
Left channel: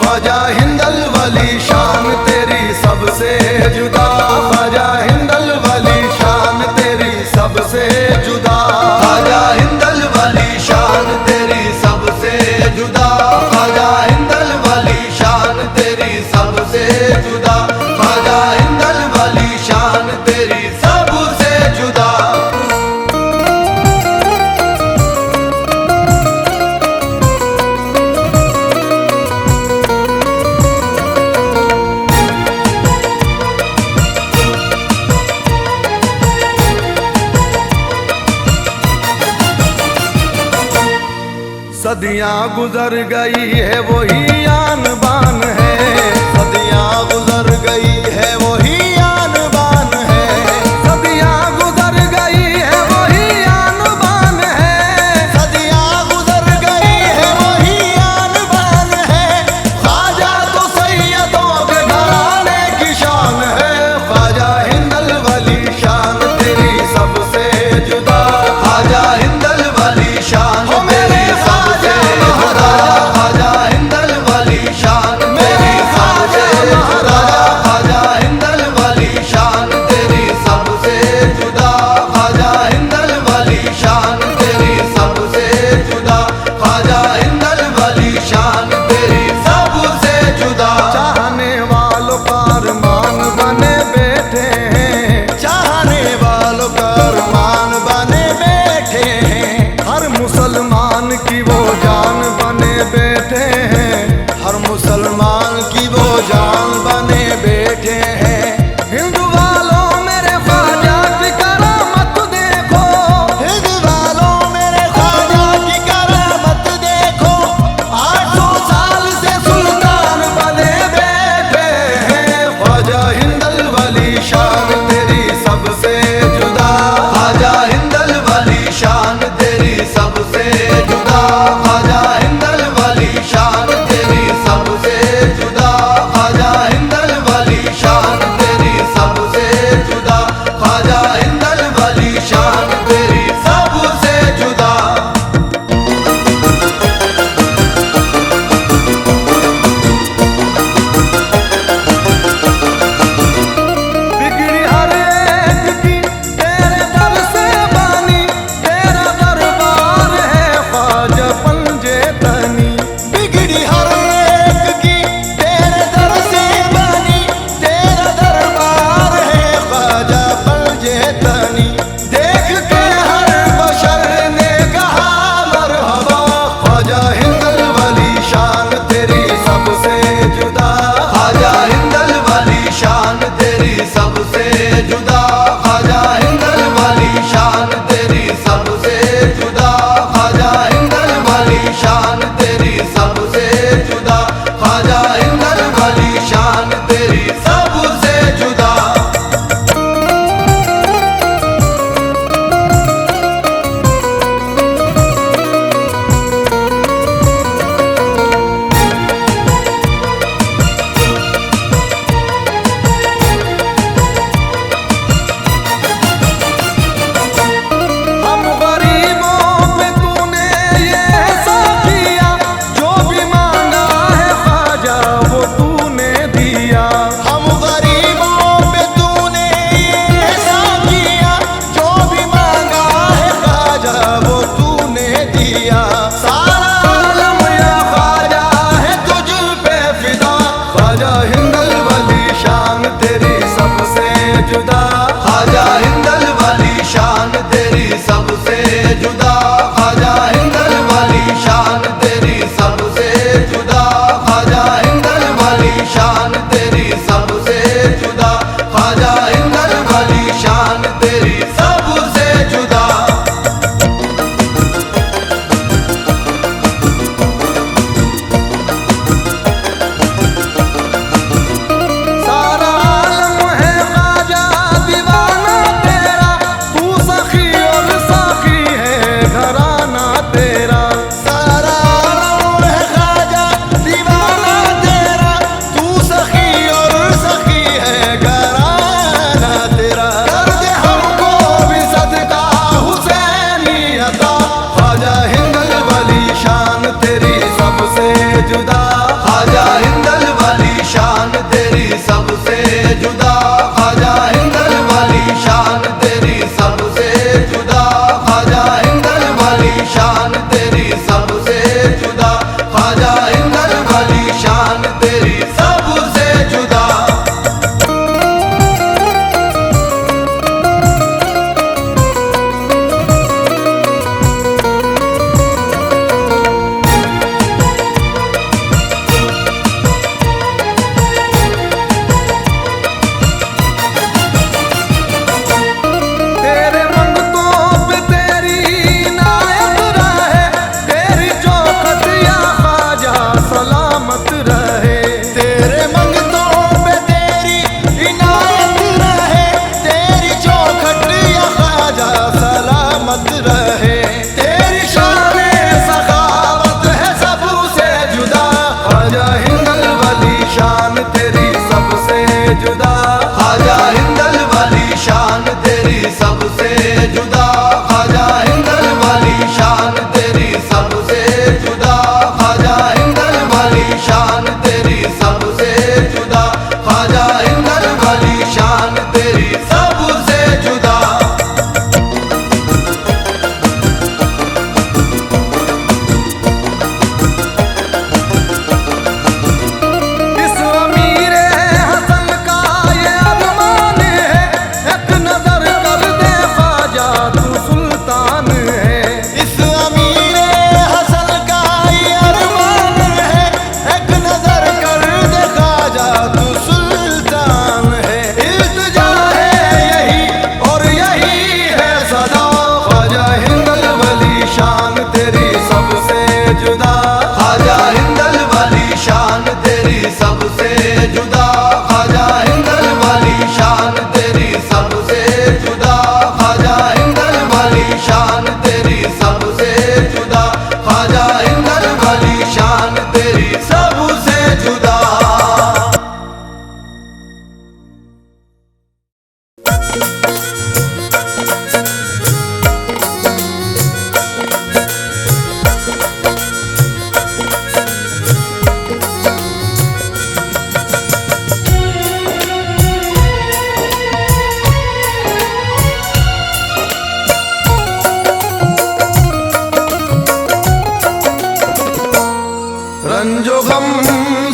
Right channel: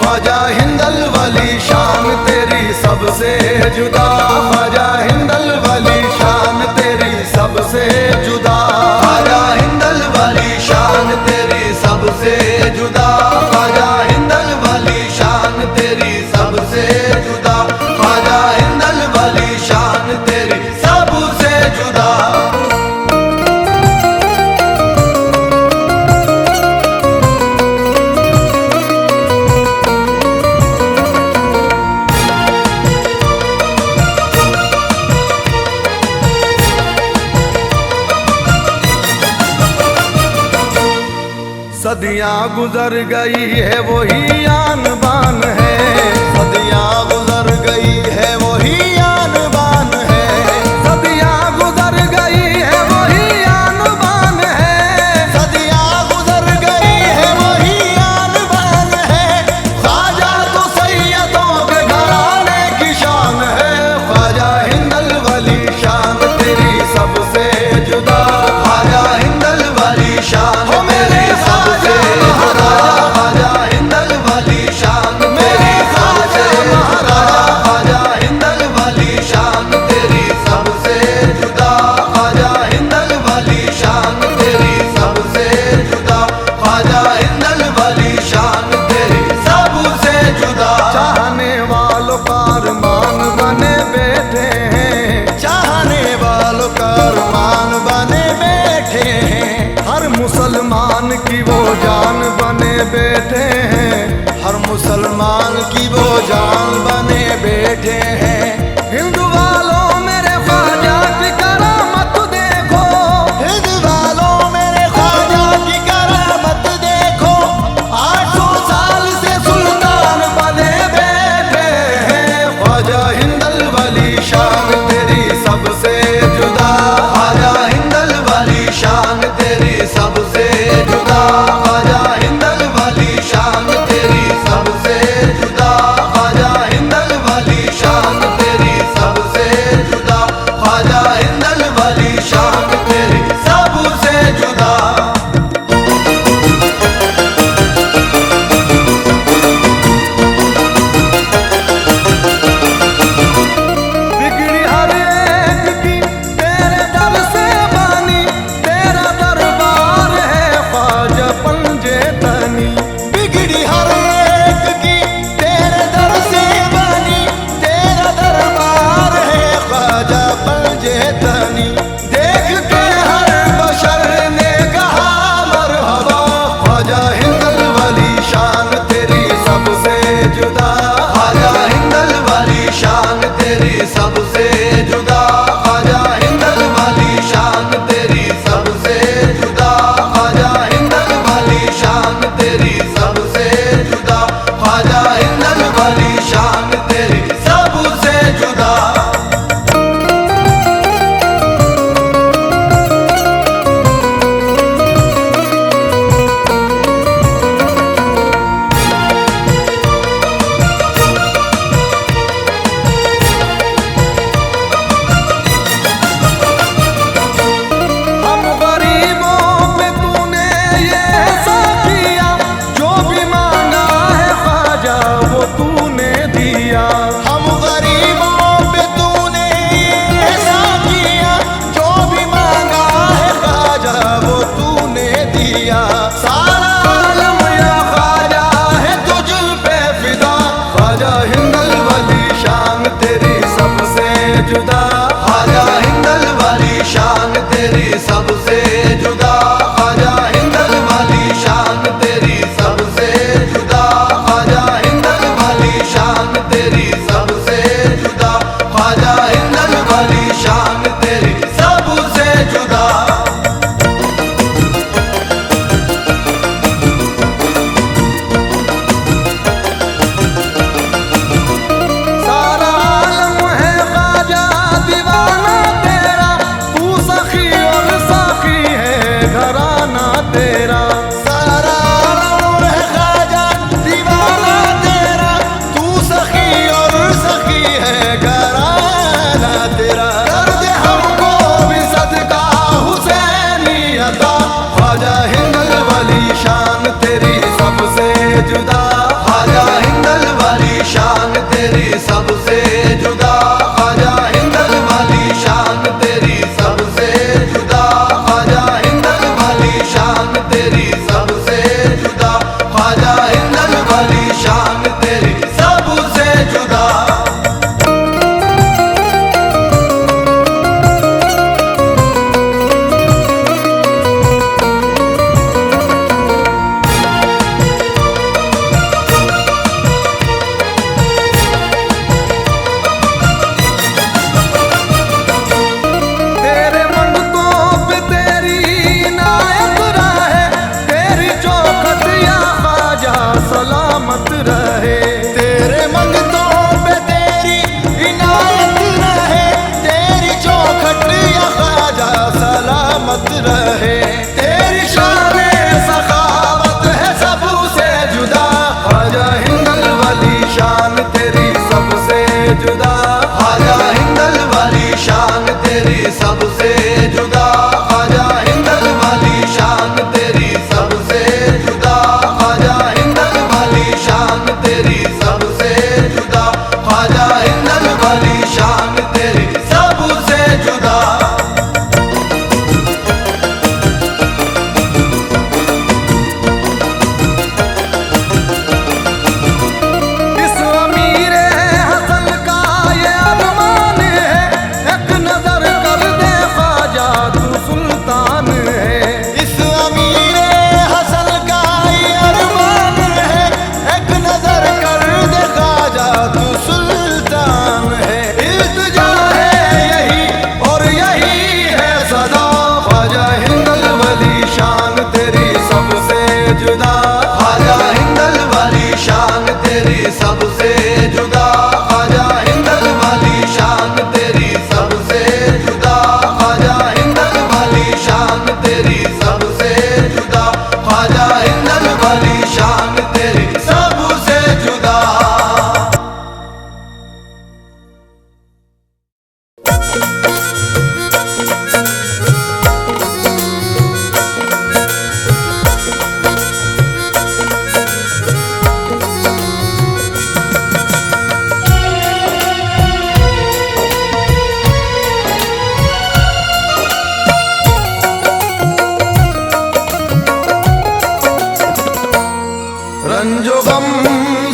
ख्वाजा हिंदल वली शान तेरी सबसे जुदा, ख्वाजा हिंदल वली शान तेरी सबसे जुदा, ख्वाजा हिंदल वली शान तेरी सबसे जुदा, ख्वाजा हिंदल वली शान तेरी सबसे जुदा, ख्वाजा हिंदल वली शान तेरी सबसे जुदा। सदियाँ गुजर गई है वही आन बान है, सदियाँ गुजर गई है वही आन बान है, सदियाँ गुजर गई है वही आन बान है, सदियाँ गुजर गई है वही आन बान है। ख्वाजा तो सैयदों के घराने की शान है, ख्वाजा हिंदल वली शान तेरी सबसे जुदा, ख्वाजा बैठे हैं, हर मुसलमान की वो जान बने बैठे हैं। हिंदू वालों मेरे ख्वाजा की करामत देखो, हिंदू वालों मेरे ख्वाजा की करामत देखो। 800 साल से सुल्तान बने बैठे हैं। ख्वाजा हिंदल वली शान तेरी सबसे जुदा, ख्वाजा हिंदल वली शान तेरी सबसे जुदा, ख्वाजा हिंदल वली शान तेरी सबसे जुदा, ख्वाजा हिंदल वली शान तेरी सबसे जुदा, ख्वाजा हिंदल वली शान तेरी सबसे जुदा। बिगड़ी हर एक की तेरे दर से बानी, तेरा दरबार है ख्वाजा पंजे तनी। बिगड़ी हर एक की तेरे दर से बानी, तेरा दरबार है ख्वाजा पंजे तनी। देख के हर बशर ने कहा मरहबा, ख्वाजा हिंदल वली शान तेरी सबसे जुदा, ख्वाजा हिंदल वली शान तेरी सबसे जुदा, ख्वाजा हिंदल वली शान तेरी सबसे जुदा, ख्वाजा हिंदल वली शान तेरी सबसे जुदा, ख्वाजा हिंदल वली शान तेरी सबसे जुदा। हम गरीबों पे तूने ये ऐसा किया, जो भी मांगा है ख्वाजा वो तूने दिया। हम गरीबों पे तूने ये ऐसा किया, जो भी मांगा है ख्वाजा वो तूने दिया। सारा आलम या ख्वाजा है तुझ पे फिदा, ख्वाजा हिंदल वली शान तेरी सबसे जुदा, ख्वाजा हिंदल वली शान तेरी सबसे जुदा, ख्वाजा हिंदल वली शान तेरी सबसे जुदा, ख्वाजा हिंदल वली शान तेरी सबसे जुदा, ख्वाजा हिंदल वली शान तेरी सबसे जुदा। सारा आलम है ख्वाजा दीवाना तेरा, तू सखी और साखी है घराना तेरा। सारा आलम है ख्वाजा दीवाना तेरा, तू सखी और सखी है घराना तेरा। कर दे हमको भी सदका हुसैनी अता, ख्वाजा हिंदल वली शान तेरी सबसे जुदा, ख्वाजा हिंदल वली शान तेरी सबसे जुदा, ख्वाजा हिंदल वली शान तेरी सबसे जुदा, ख्वाजा हिंदल वली शान तेरी सबसे जुदा, ख्वाजा हिंदल वली शान तेरी सबसे जुदा। तेरे मंगतों पे तेरी इनायत रहे, तेरी चौखट या ख्वाजा सलामत रहे। तेरे मंगतों पे तेरी इनायत रहे, तेरी चौखट या ख्वाजा सलामत रहे। तेरी शान सखावत है सबसे जुदा, ख्वाजा हिंदल वली शान तेरी सबसे जुदा, ख्वाजा हिंदल वली शान तेरी सबसे जुदा, ख्वाजा हिंदल वली शान तेरी सबसे जुदा, ख्वाजा हिंदल वली शान तेरी सबसे जुदा, ख्वाजा हिंदल वली शान तेरी सबसे जुदा। इस अमीर हसन का ये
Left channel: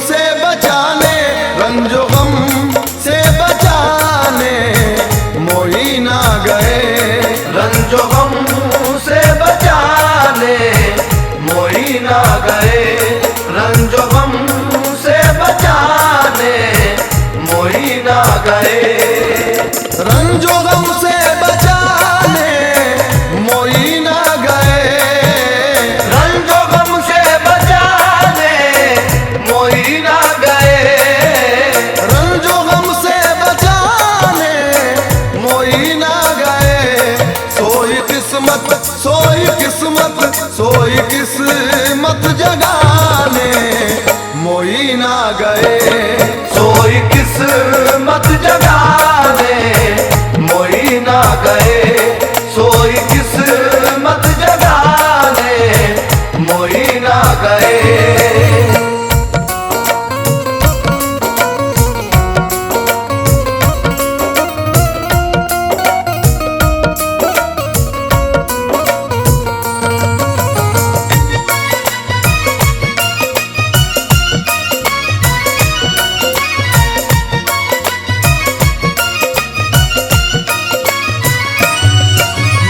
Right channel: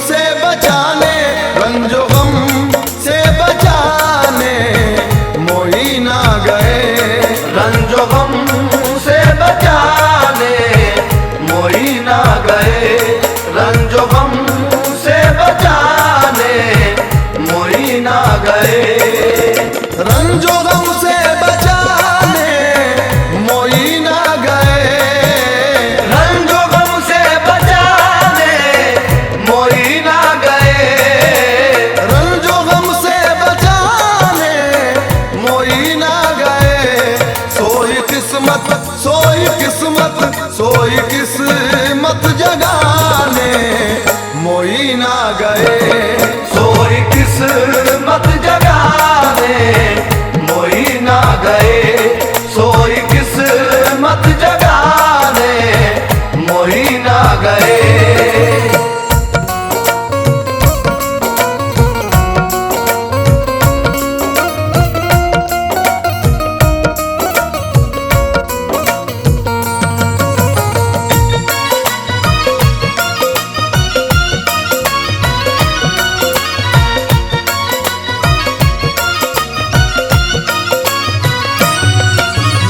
से बचाने, रंजो गम से बचाने मोइन आ गए। रंजो गम से बचाने मोइन आ गए। रंजो गम से बचाने मोइन आ गए। रंजो गम से बचाने मोइन आ गए। रंजो गम से बचाने मोइन आ गए। रंजो गम से बचाने मोइन आ गए। सोई किस्मत, सोई किस्मत, सोई किस्मत जगाने मोइन आ गए। सोई किस्मत जगाने मोइन आ गए। सोई किस्मत जगाने मोइन आ गए।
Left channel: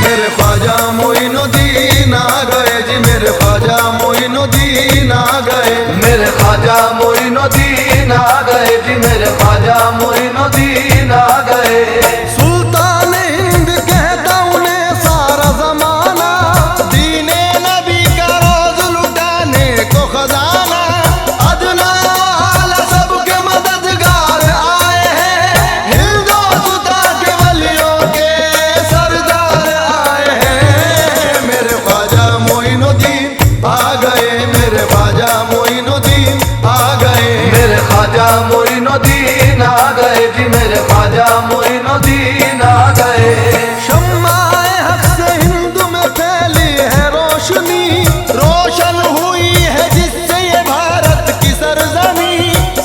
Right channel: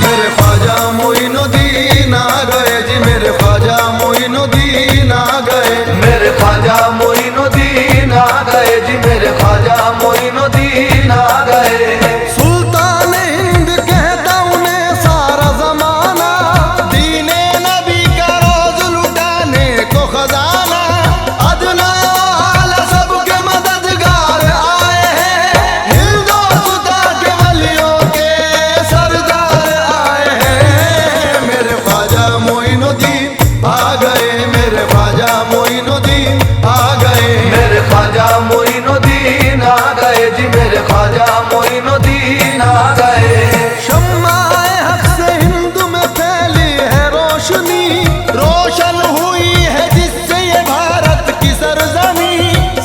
मेरे ख्वाजा मोइनुद्दीन आ गए जी, मेरे ख्वाजा मोइनुद्दीन आ गए। मेरे ख्वाजा मोइनुद्दीन आ गए जी, मेरे ख्वाजा मोइनुद्दीन आ गए। सुल्तान हिंद कहता उन्हें सारा जमाना, दीने नबी का रोज लुटाने को खजाना। अदना आला सबके मददगार आए हैं, हिंदुस्तां के वलियों के सरदार आए हैं। मेरे ख्वाजा मोइनुद्दीन आ गए। मेरे ख्वाजा मोइनुद्दीन आ गए। मेरे ख्वाजा मोइनुद्दीन आ गए जी, मेरे ख्वाजा मोइनुद्दीन आ गए। शम्माए हक से हिंद में फैली है रोशनी, रोशन हुई है जिससे ये भारत की सरजमी।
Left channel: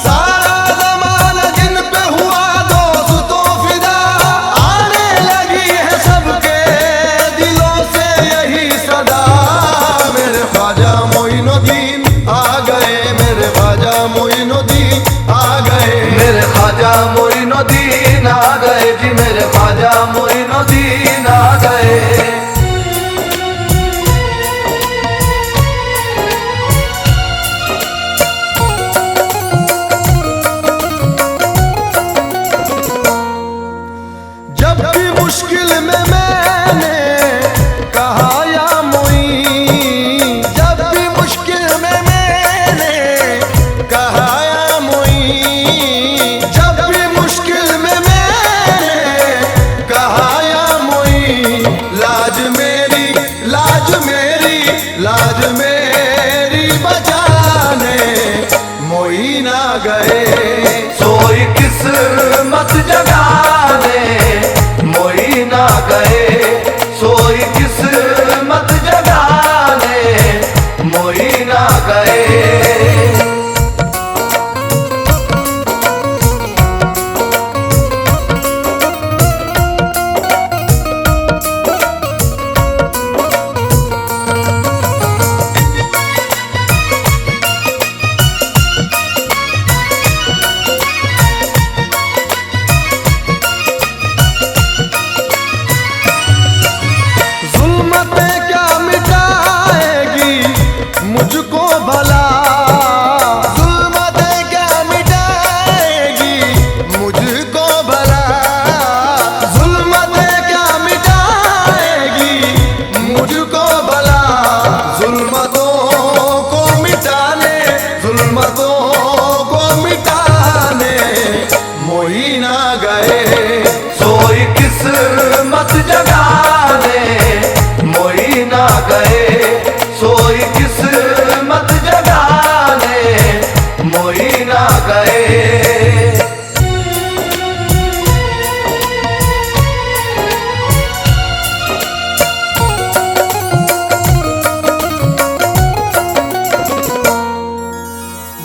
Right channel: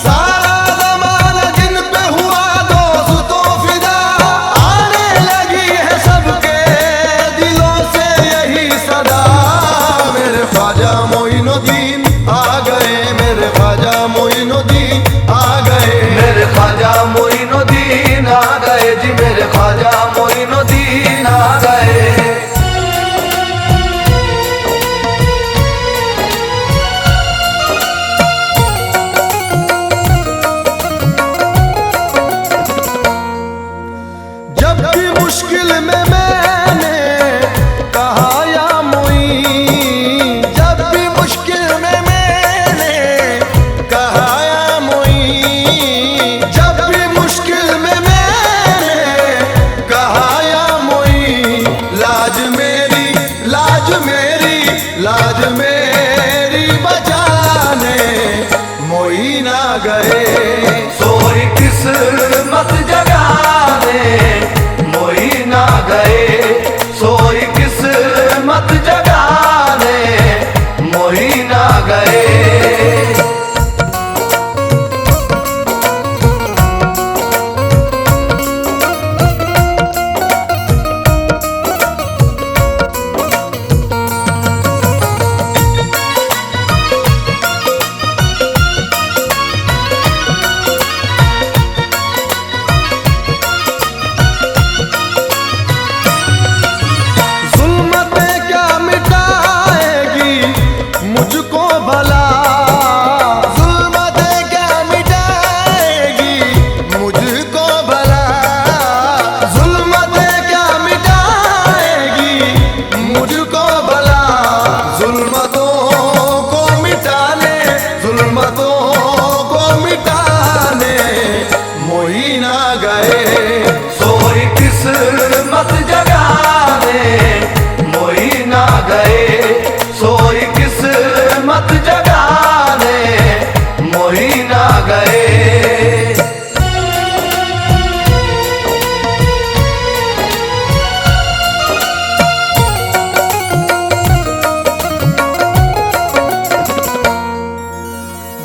सारा जमाना जिन पे हुआ दोस्तों फिदा, आने लगी है सबके दिलों से यही सदा। मेरे ख्वाजा मोइनुद्दीन आ गए। मेरे ख्वाजा मोइनुद्दीन आ गए। मेरे ख्वाजा मोइनुद्दीन आ गए जी, मेरे ख्वाजा मोइनुद्दीन आ गए। जब भी मुश्किल में मैंने कहा या मोइन, जब भी मुश्किल में मैंने कहा या मोइन, जब भी मुश्किल में मैंने कहा या मोइन, लाज मेरी, लाज मेरी, लाज मेरी बचाने मोइन आ गए। सोई किस्मत जगाने मोइन आ गए। सोई किस्मत जगाने मोइन आ गए। जुल्मतें क्या मिटाएगी मुझको भला, जुल्मतें क्या मिटाएगी मुझको भला। जुल्मतें क्या मिटाएगी मुझको भला। जुल्मतों को मिटाने, जुल्मतों को मिटाने मोइन आ गए। सोई किस्मत जगाने मोइन आ गए। सोई किस्मत जगाने मोइन आ गए।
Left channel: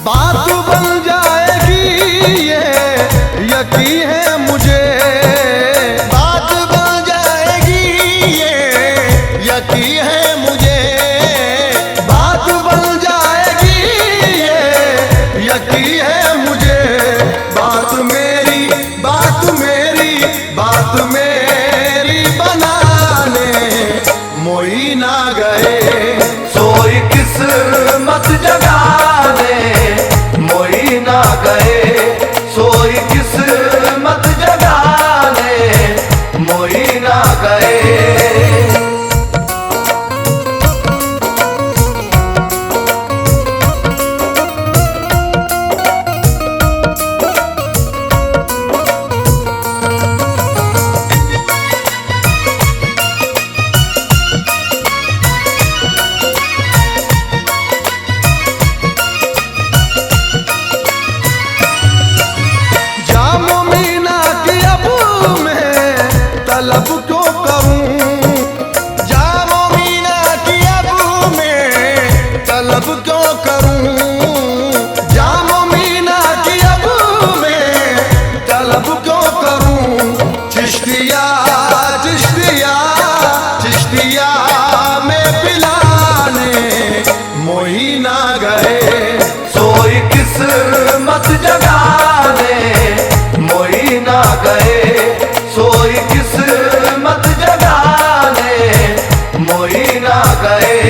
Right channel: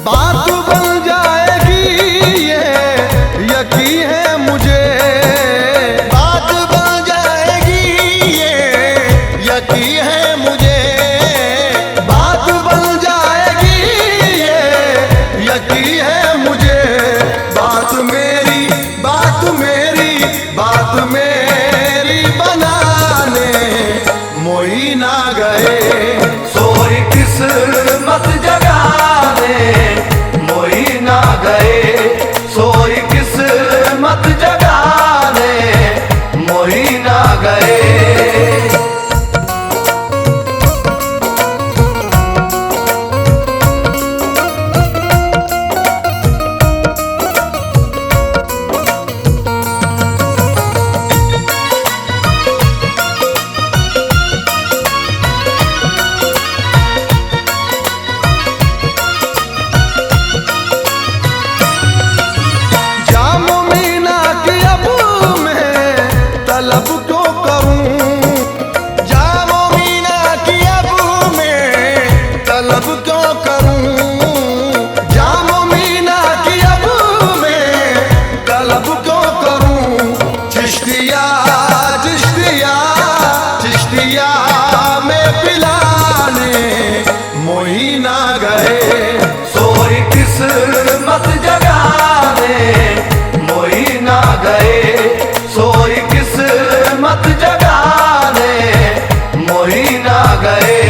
बात बन जाएगी ये यकीन है मुझे। बात बन जाएगी ये यकीन है मुझे। बात बन जाएगी ये यकीन है मुझे, बात मेरी बात मेरी बात मेरी बनाने मोई ना गए। सोई किस्मत जगाने मोई ना गए, सोई किस्मत जगाने मोई ना गए। जामो मीना की अब मैं तलब क्यों करूं, जामो मीना की अब मैं तलब क्यों करूं, जामो मीना की अब मैं तलब क्यों करूं। चिश्तिया चिश्तिया चिश्तिया में पिलाने मोई ना गए। सोई किस्मत जगाने मोई ना गए, सोई किस्मत जगाने मोई ना गए।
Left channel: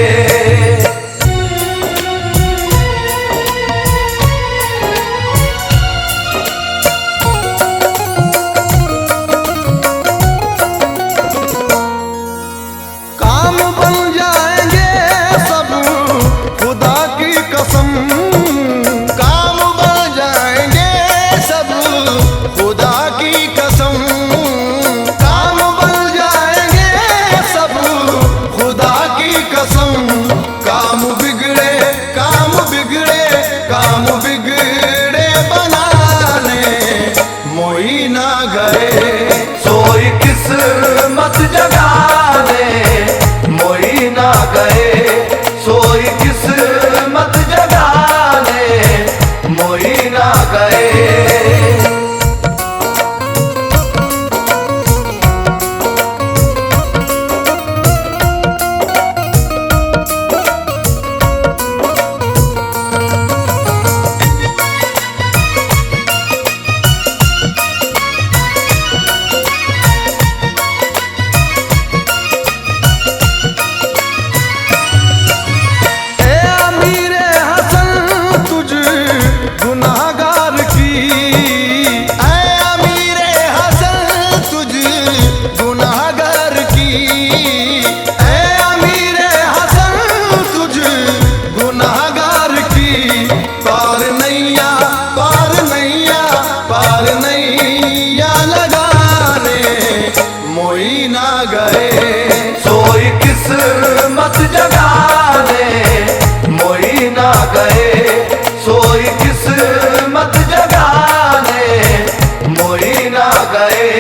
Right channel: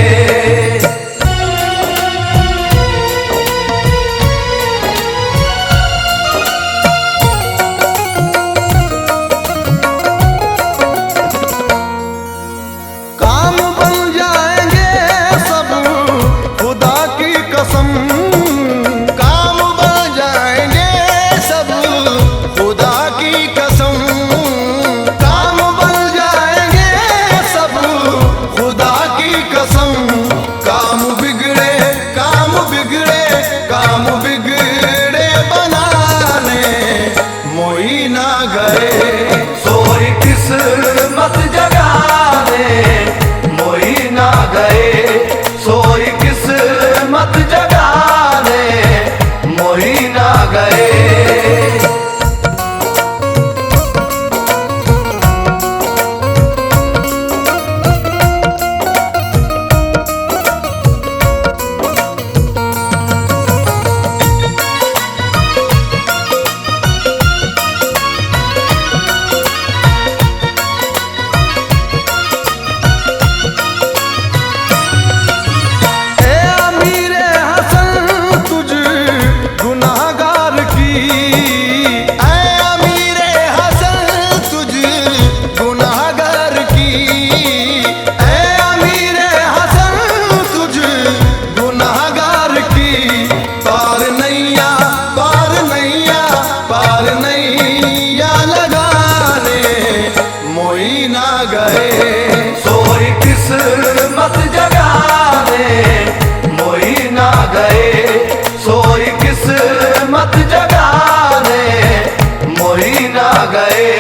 काम बन जाएंगे सब खुदा की कसम, काम बन जाएंगे सब खुदा की कसम, काम बन जाएंगे सब खुदा की कसम। काम बिगड़े काम बिगड़े काम बिगड़े बनाने मोई ना गए। सोई किस्मत जगाने मोई ना गए, सोई किस्मत जगाने मोई ना गए। ए अमीरे हसन तुझ गुनाहगार की, ए अमीरे हसन तुझ गुनाहगार की, ए अमीरे हसन तुझ गुनाहगार की। पार नैया पार नैया पार नैया लगाने मोई ना गए। सोई किस्मत जगाने मोई ना गए, सोई किस्मत जगाने मोई ना गए।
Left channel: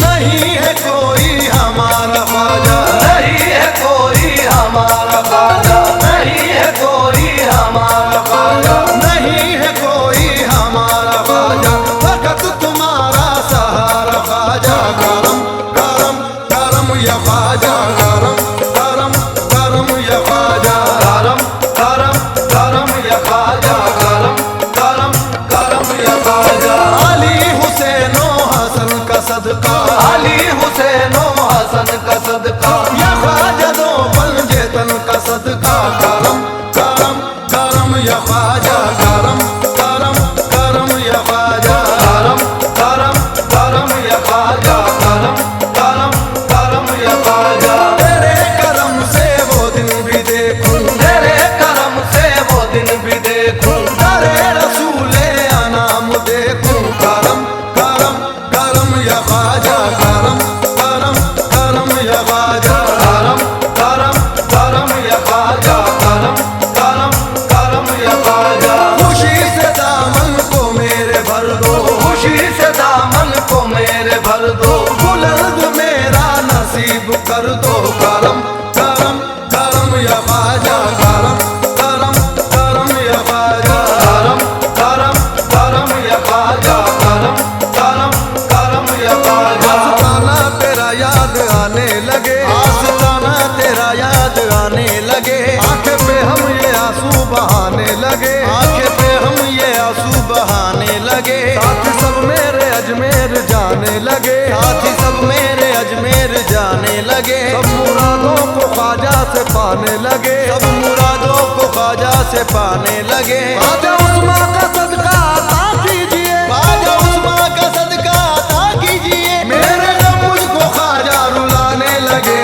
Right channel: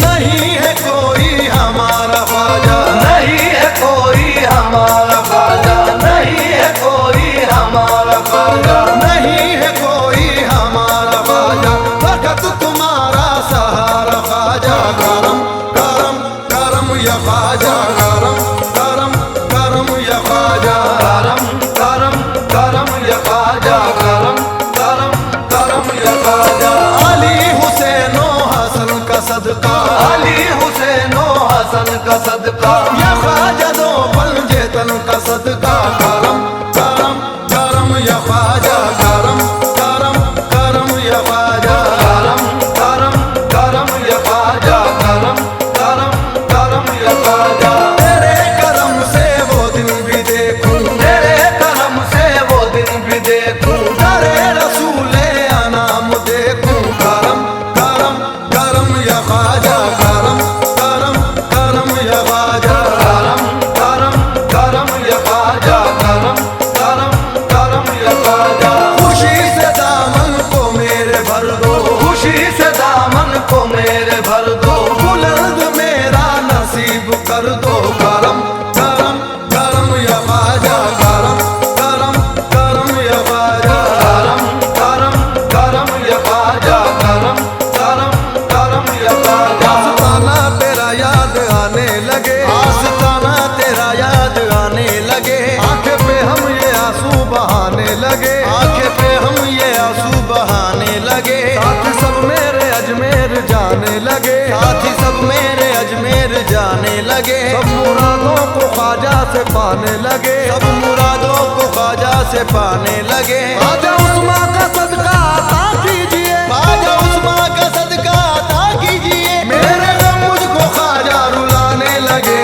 नहीं है कोई हमारा ख्वाजा, नहीं है कोई हमारा ख्वाजा, नहीं है कोई हमारा ख्वाजा, नहीं है कोई हमारा ख्वाजा, फकत तुम्हारा सहारा ख्वाजा। करम करम करम या ख्वाजा, करम करम करम या ख्वाजा, करम करम करम या ख्वाजा, करम करम करम या ख्वाजा। अली हुसैनो हसन का सदका, अली हुसैनो हसन का सदका, या ख्वाजा दो पंजे तन का सदका। करम करम करम या ख्वाजा, करम करम करम या ख्वाजा, करम करम करम या ख्वाजा, करम करम करम या ख्वाजा। तेरे करम से वो दिन भी देखूं, तेरे करम से वो दिन भी देखूं, तेरे रसूले अनाम देखूं। करम करम करम या ख्वाजा, करम करम करम या ख्वाजा, करम करम करम या ख्वाजा, करम करम करम या ख्वाजा। खुशी से दामन को मेरे भर दो, खुशी से दामन को मेरे भर दो, बुलंद मेरा नसीब कर दो, करम करम करम या ख्वाजा, करम करम करम या ख्वाजा, करम करम करम या ख्वाजा, करम करम करम या ख्वाजा। आस्ताना तेरा याद आने लगे, आस्ताना तेरा याद आने लगे, आंखें पे हम ये आंसू बहाने लगे, आंखें पे हम ये आंसू बहाने लगे। साथी सब मेरे अजमेर जाने लगे, साथी सब मेरे अजमेर जाने लगे। सब मुरादों को ख्वाजा से पाने लगे, सब मुरादों को ख्वाजा से पाने लगे। ख्वाजा उस्मा का सदका अता कीजिए, ख्वाजा उस्मा का सदका अता कीजिए, मेरे गम मुझको ख्वाजा रुलाने लगे।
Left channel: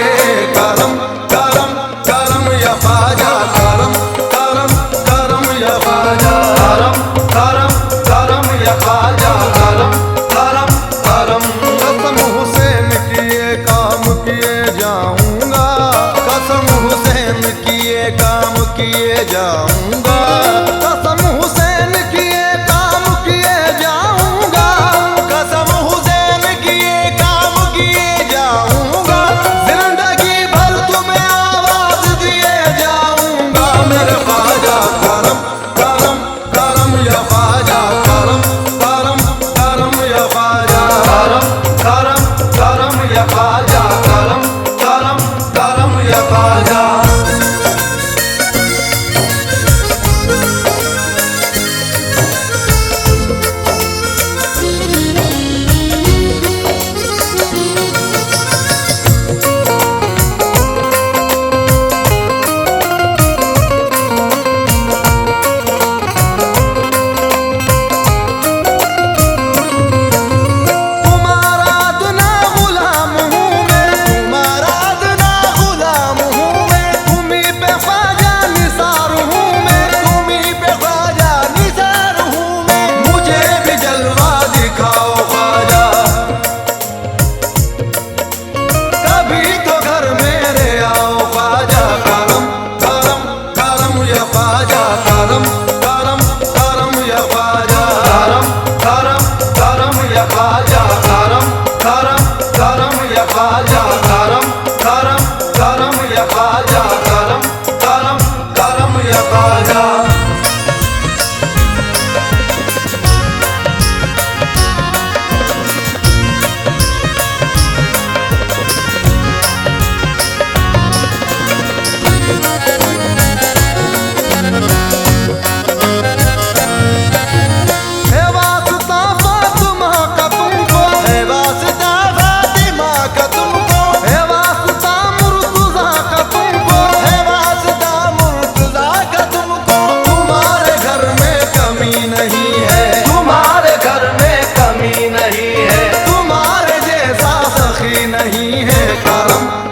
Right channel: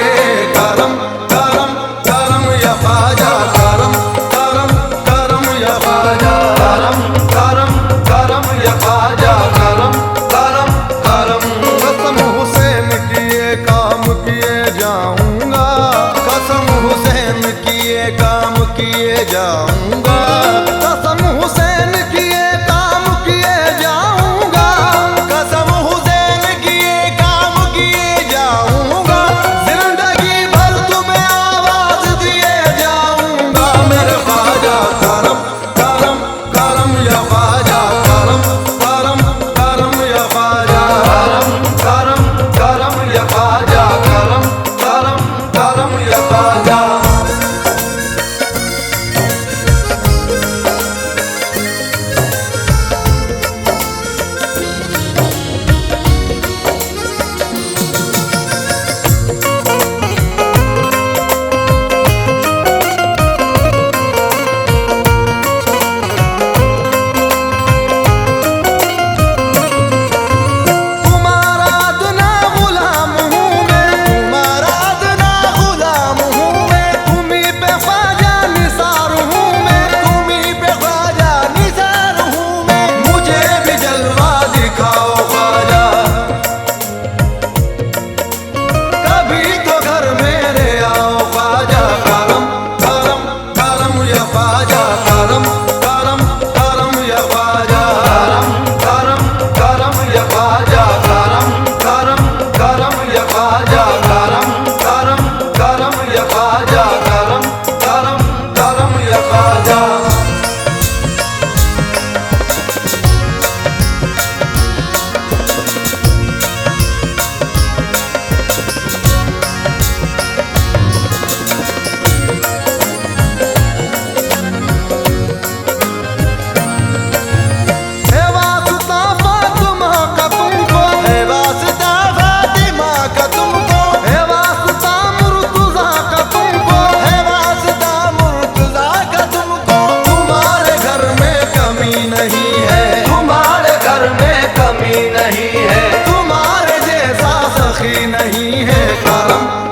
करम करम करम या ख्वाजा, करम करम करम या ख्वाजा, करम करम करम या ख्वाजा, करम करम करम। कसम हुसैन किए काम किए जाऊंगा, कसम हुसैन किए काम किए जाऊंगा, कसम हुसैन किए काम किए जाऊंगा, कसम हुसैन किए काम किए जाऊंगा। जिंदगी भर तुम्हें आवाज दिए जाऊंगा, मेरे ख्वाजा, करम करम करम या ख्वाजा, करम करम करम या ख्वाजा, करम करम करम या ख्वाजा, करम करम करम या ख्वाजा। तुम्हारा अदना गुलाम हूँ मैं, तुम्हारा अदना गुलाम हूँ मैं, तुम्हीं पे ख्वाजा निसार हूँ मैं, तुम्हीं पे ख्वाजा निसार हूँ मैं। मुझे भी जलवा दिखाओ ख्वाजा, कभी तो घर मेरे आओ ख्वाजा, करम करम करम या ख्वाजा, करम करम करम या ख्वाजा, करम करम करम या ख्वाजा, करम करम करम या ख्वाजा, करम करम करम या ख्वाजा, करम करम करम या ख्वाजा। है वास्ता फातिमा का तुमको, है वास्ता फातिमा का तुमको, है वास्ता मुर्तज़ा का तुमको, है वास्ता मुर्तज़ा का तुमको। तुम्हारे घर में कमी नहीं है, तुम्हारे घर में कमी नहीं है, तुम्हारे जैसा सखी नहीं है। करम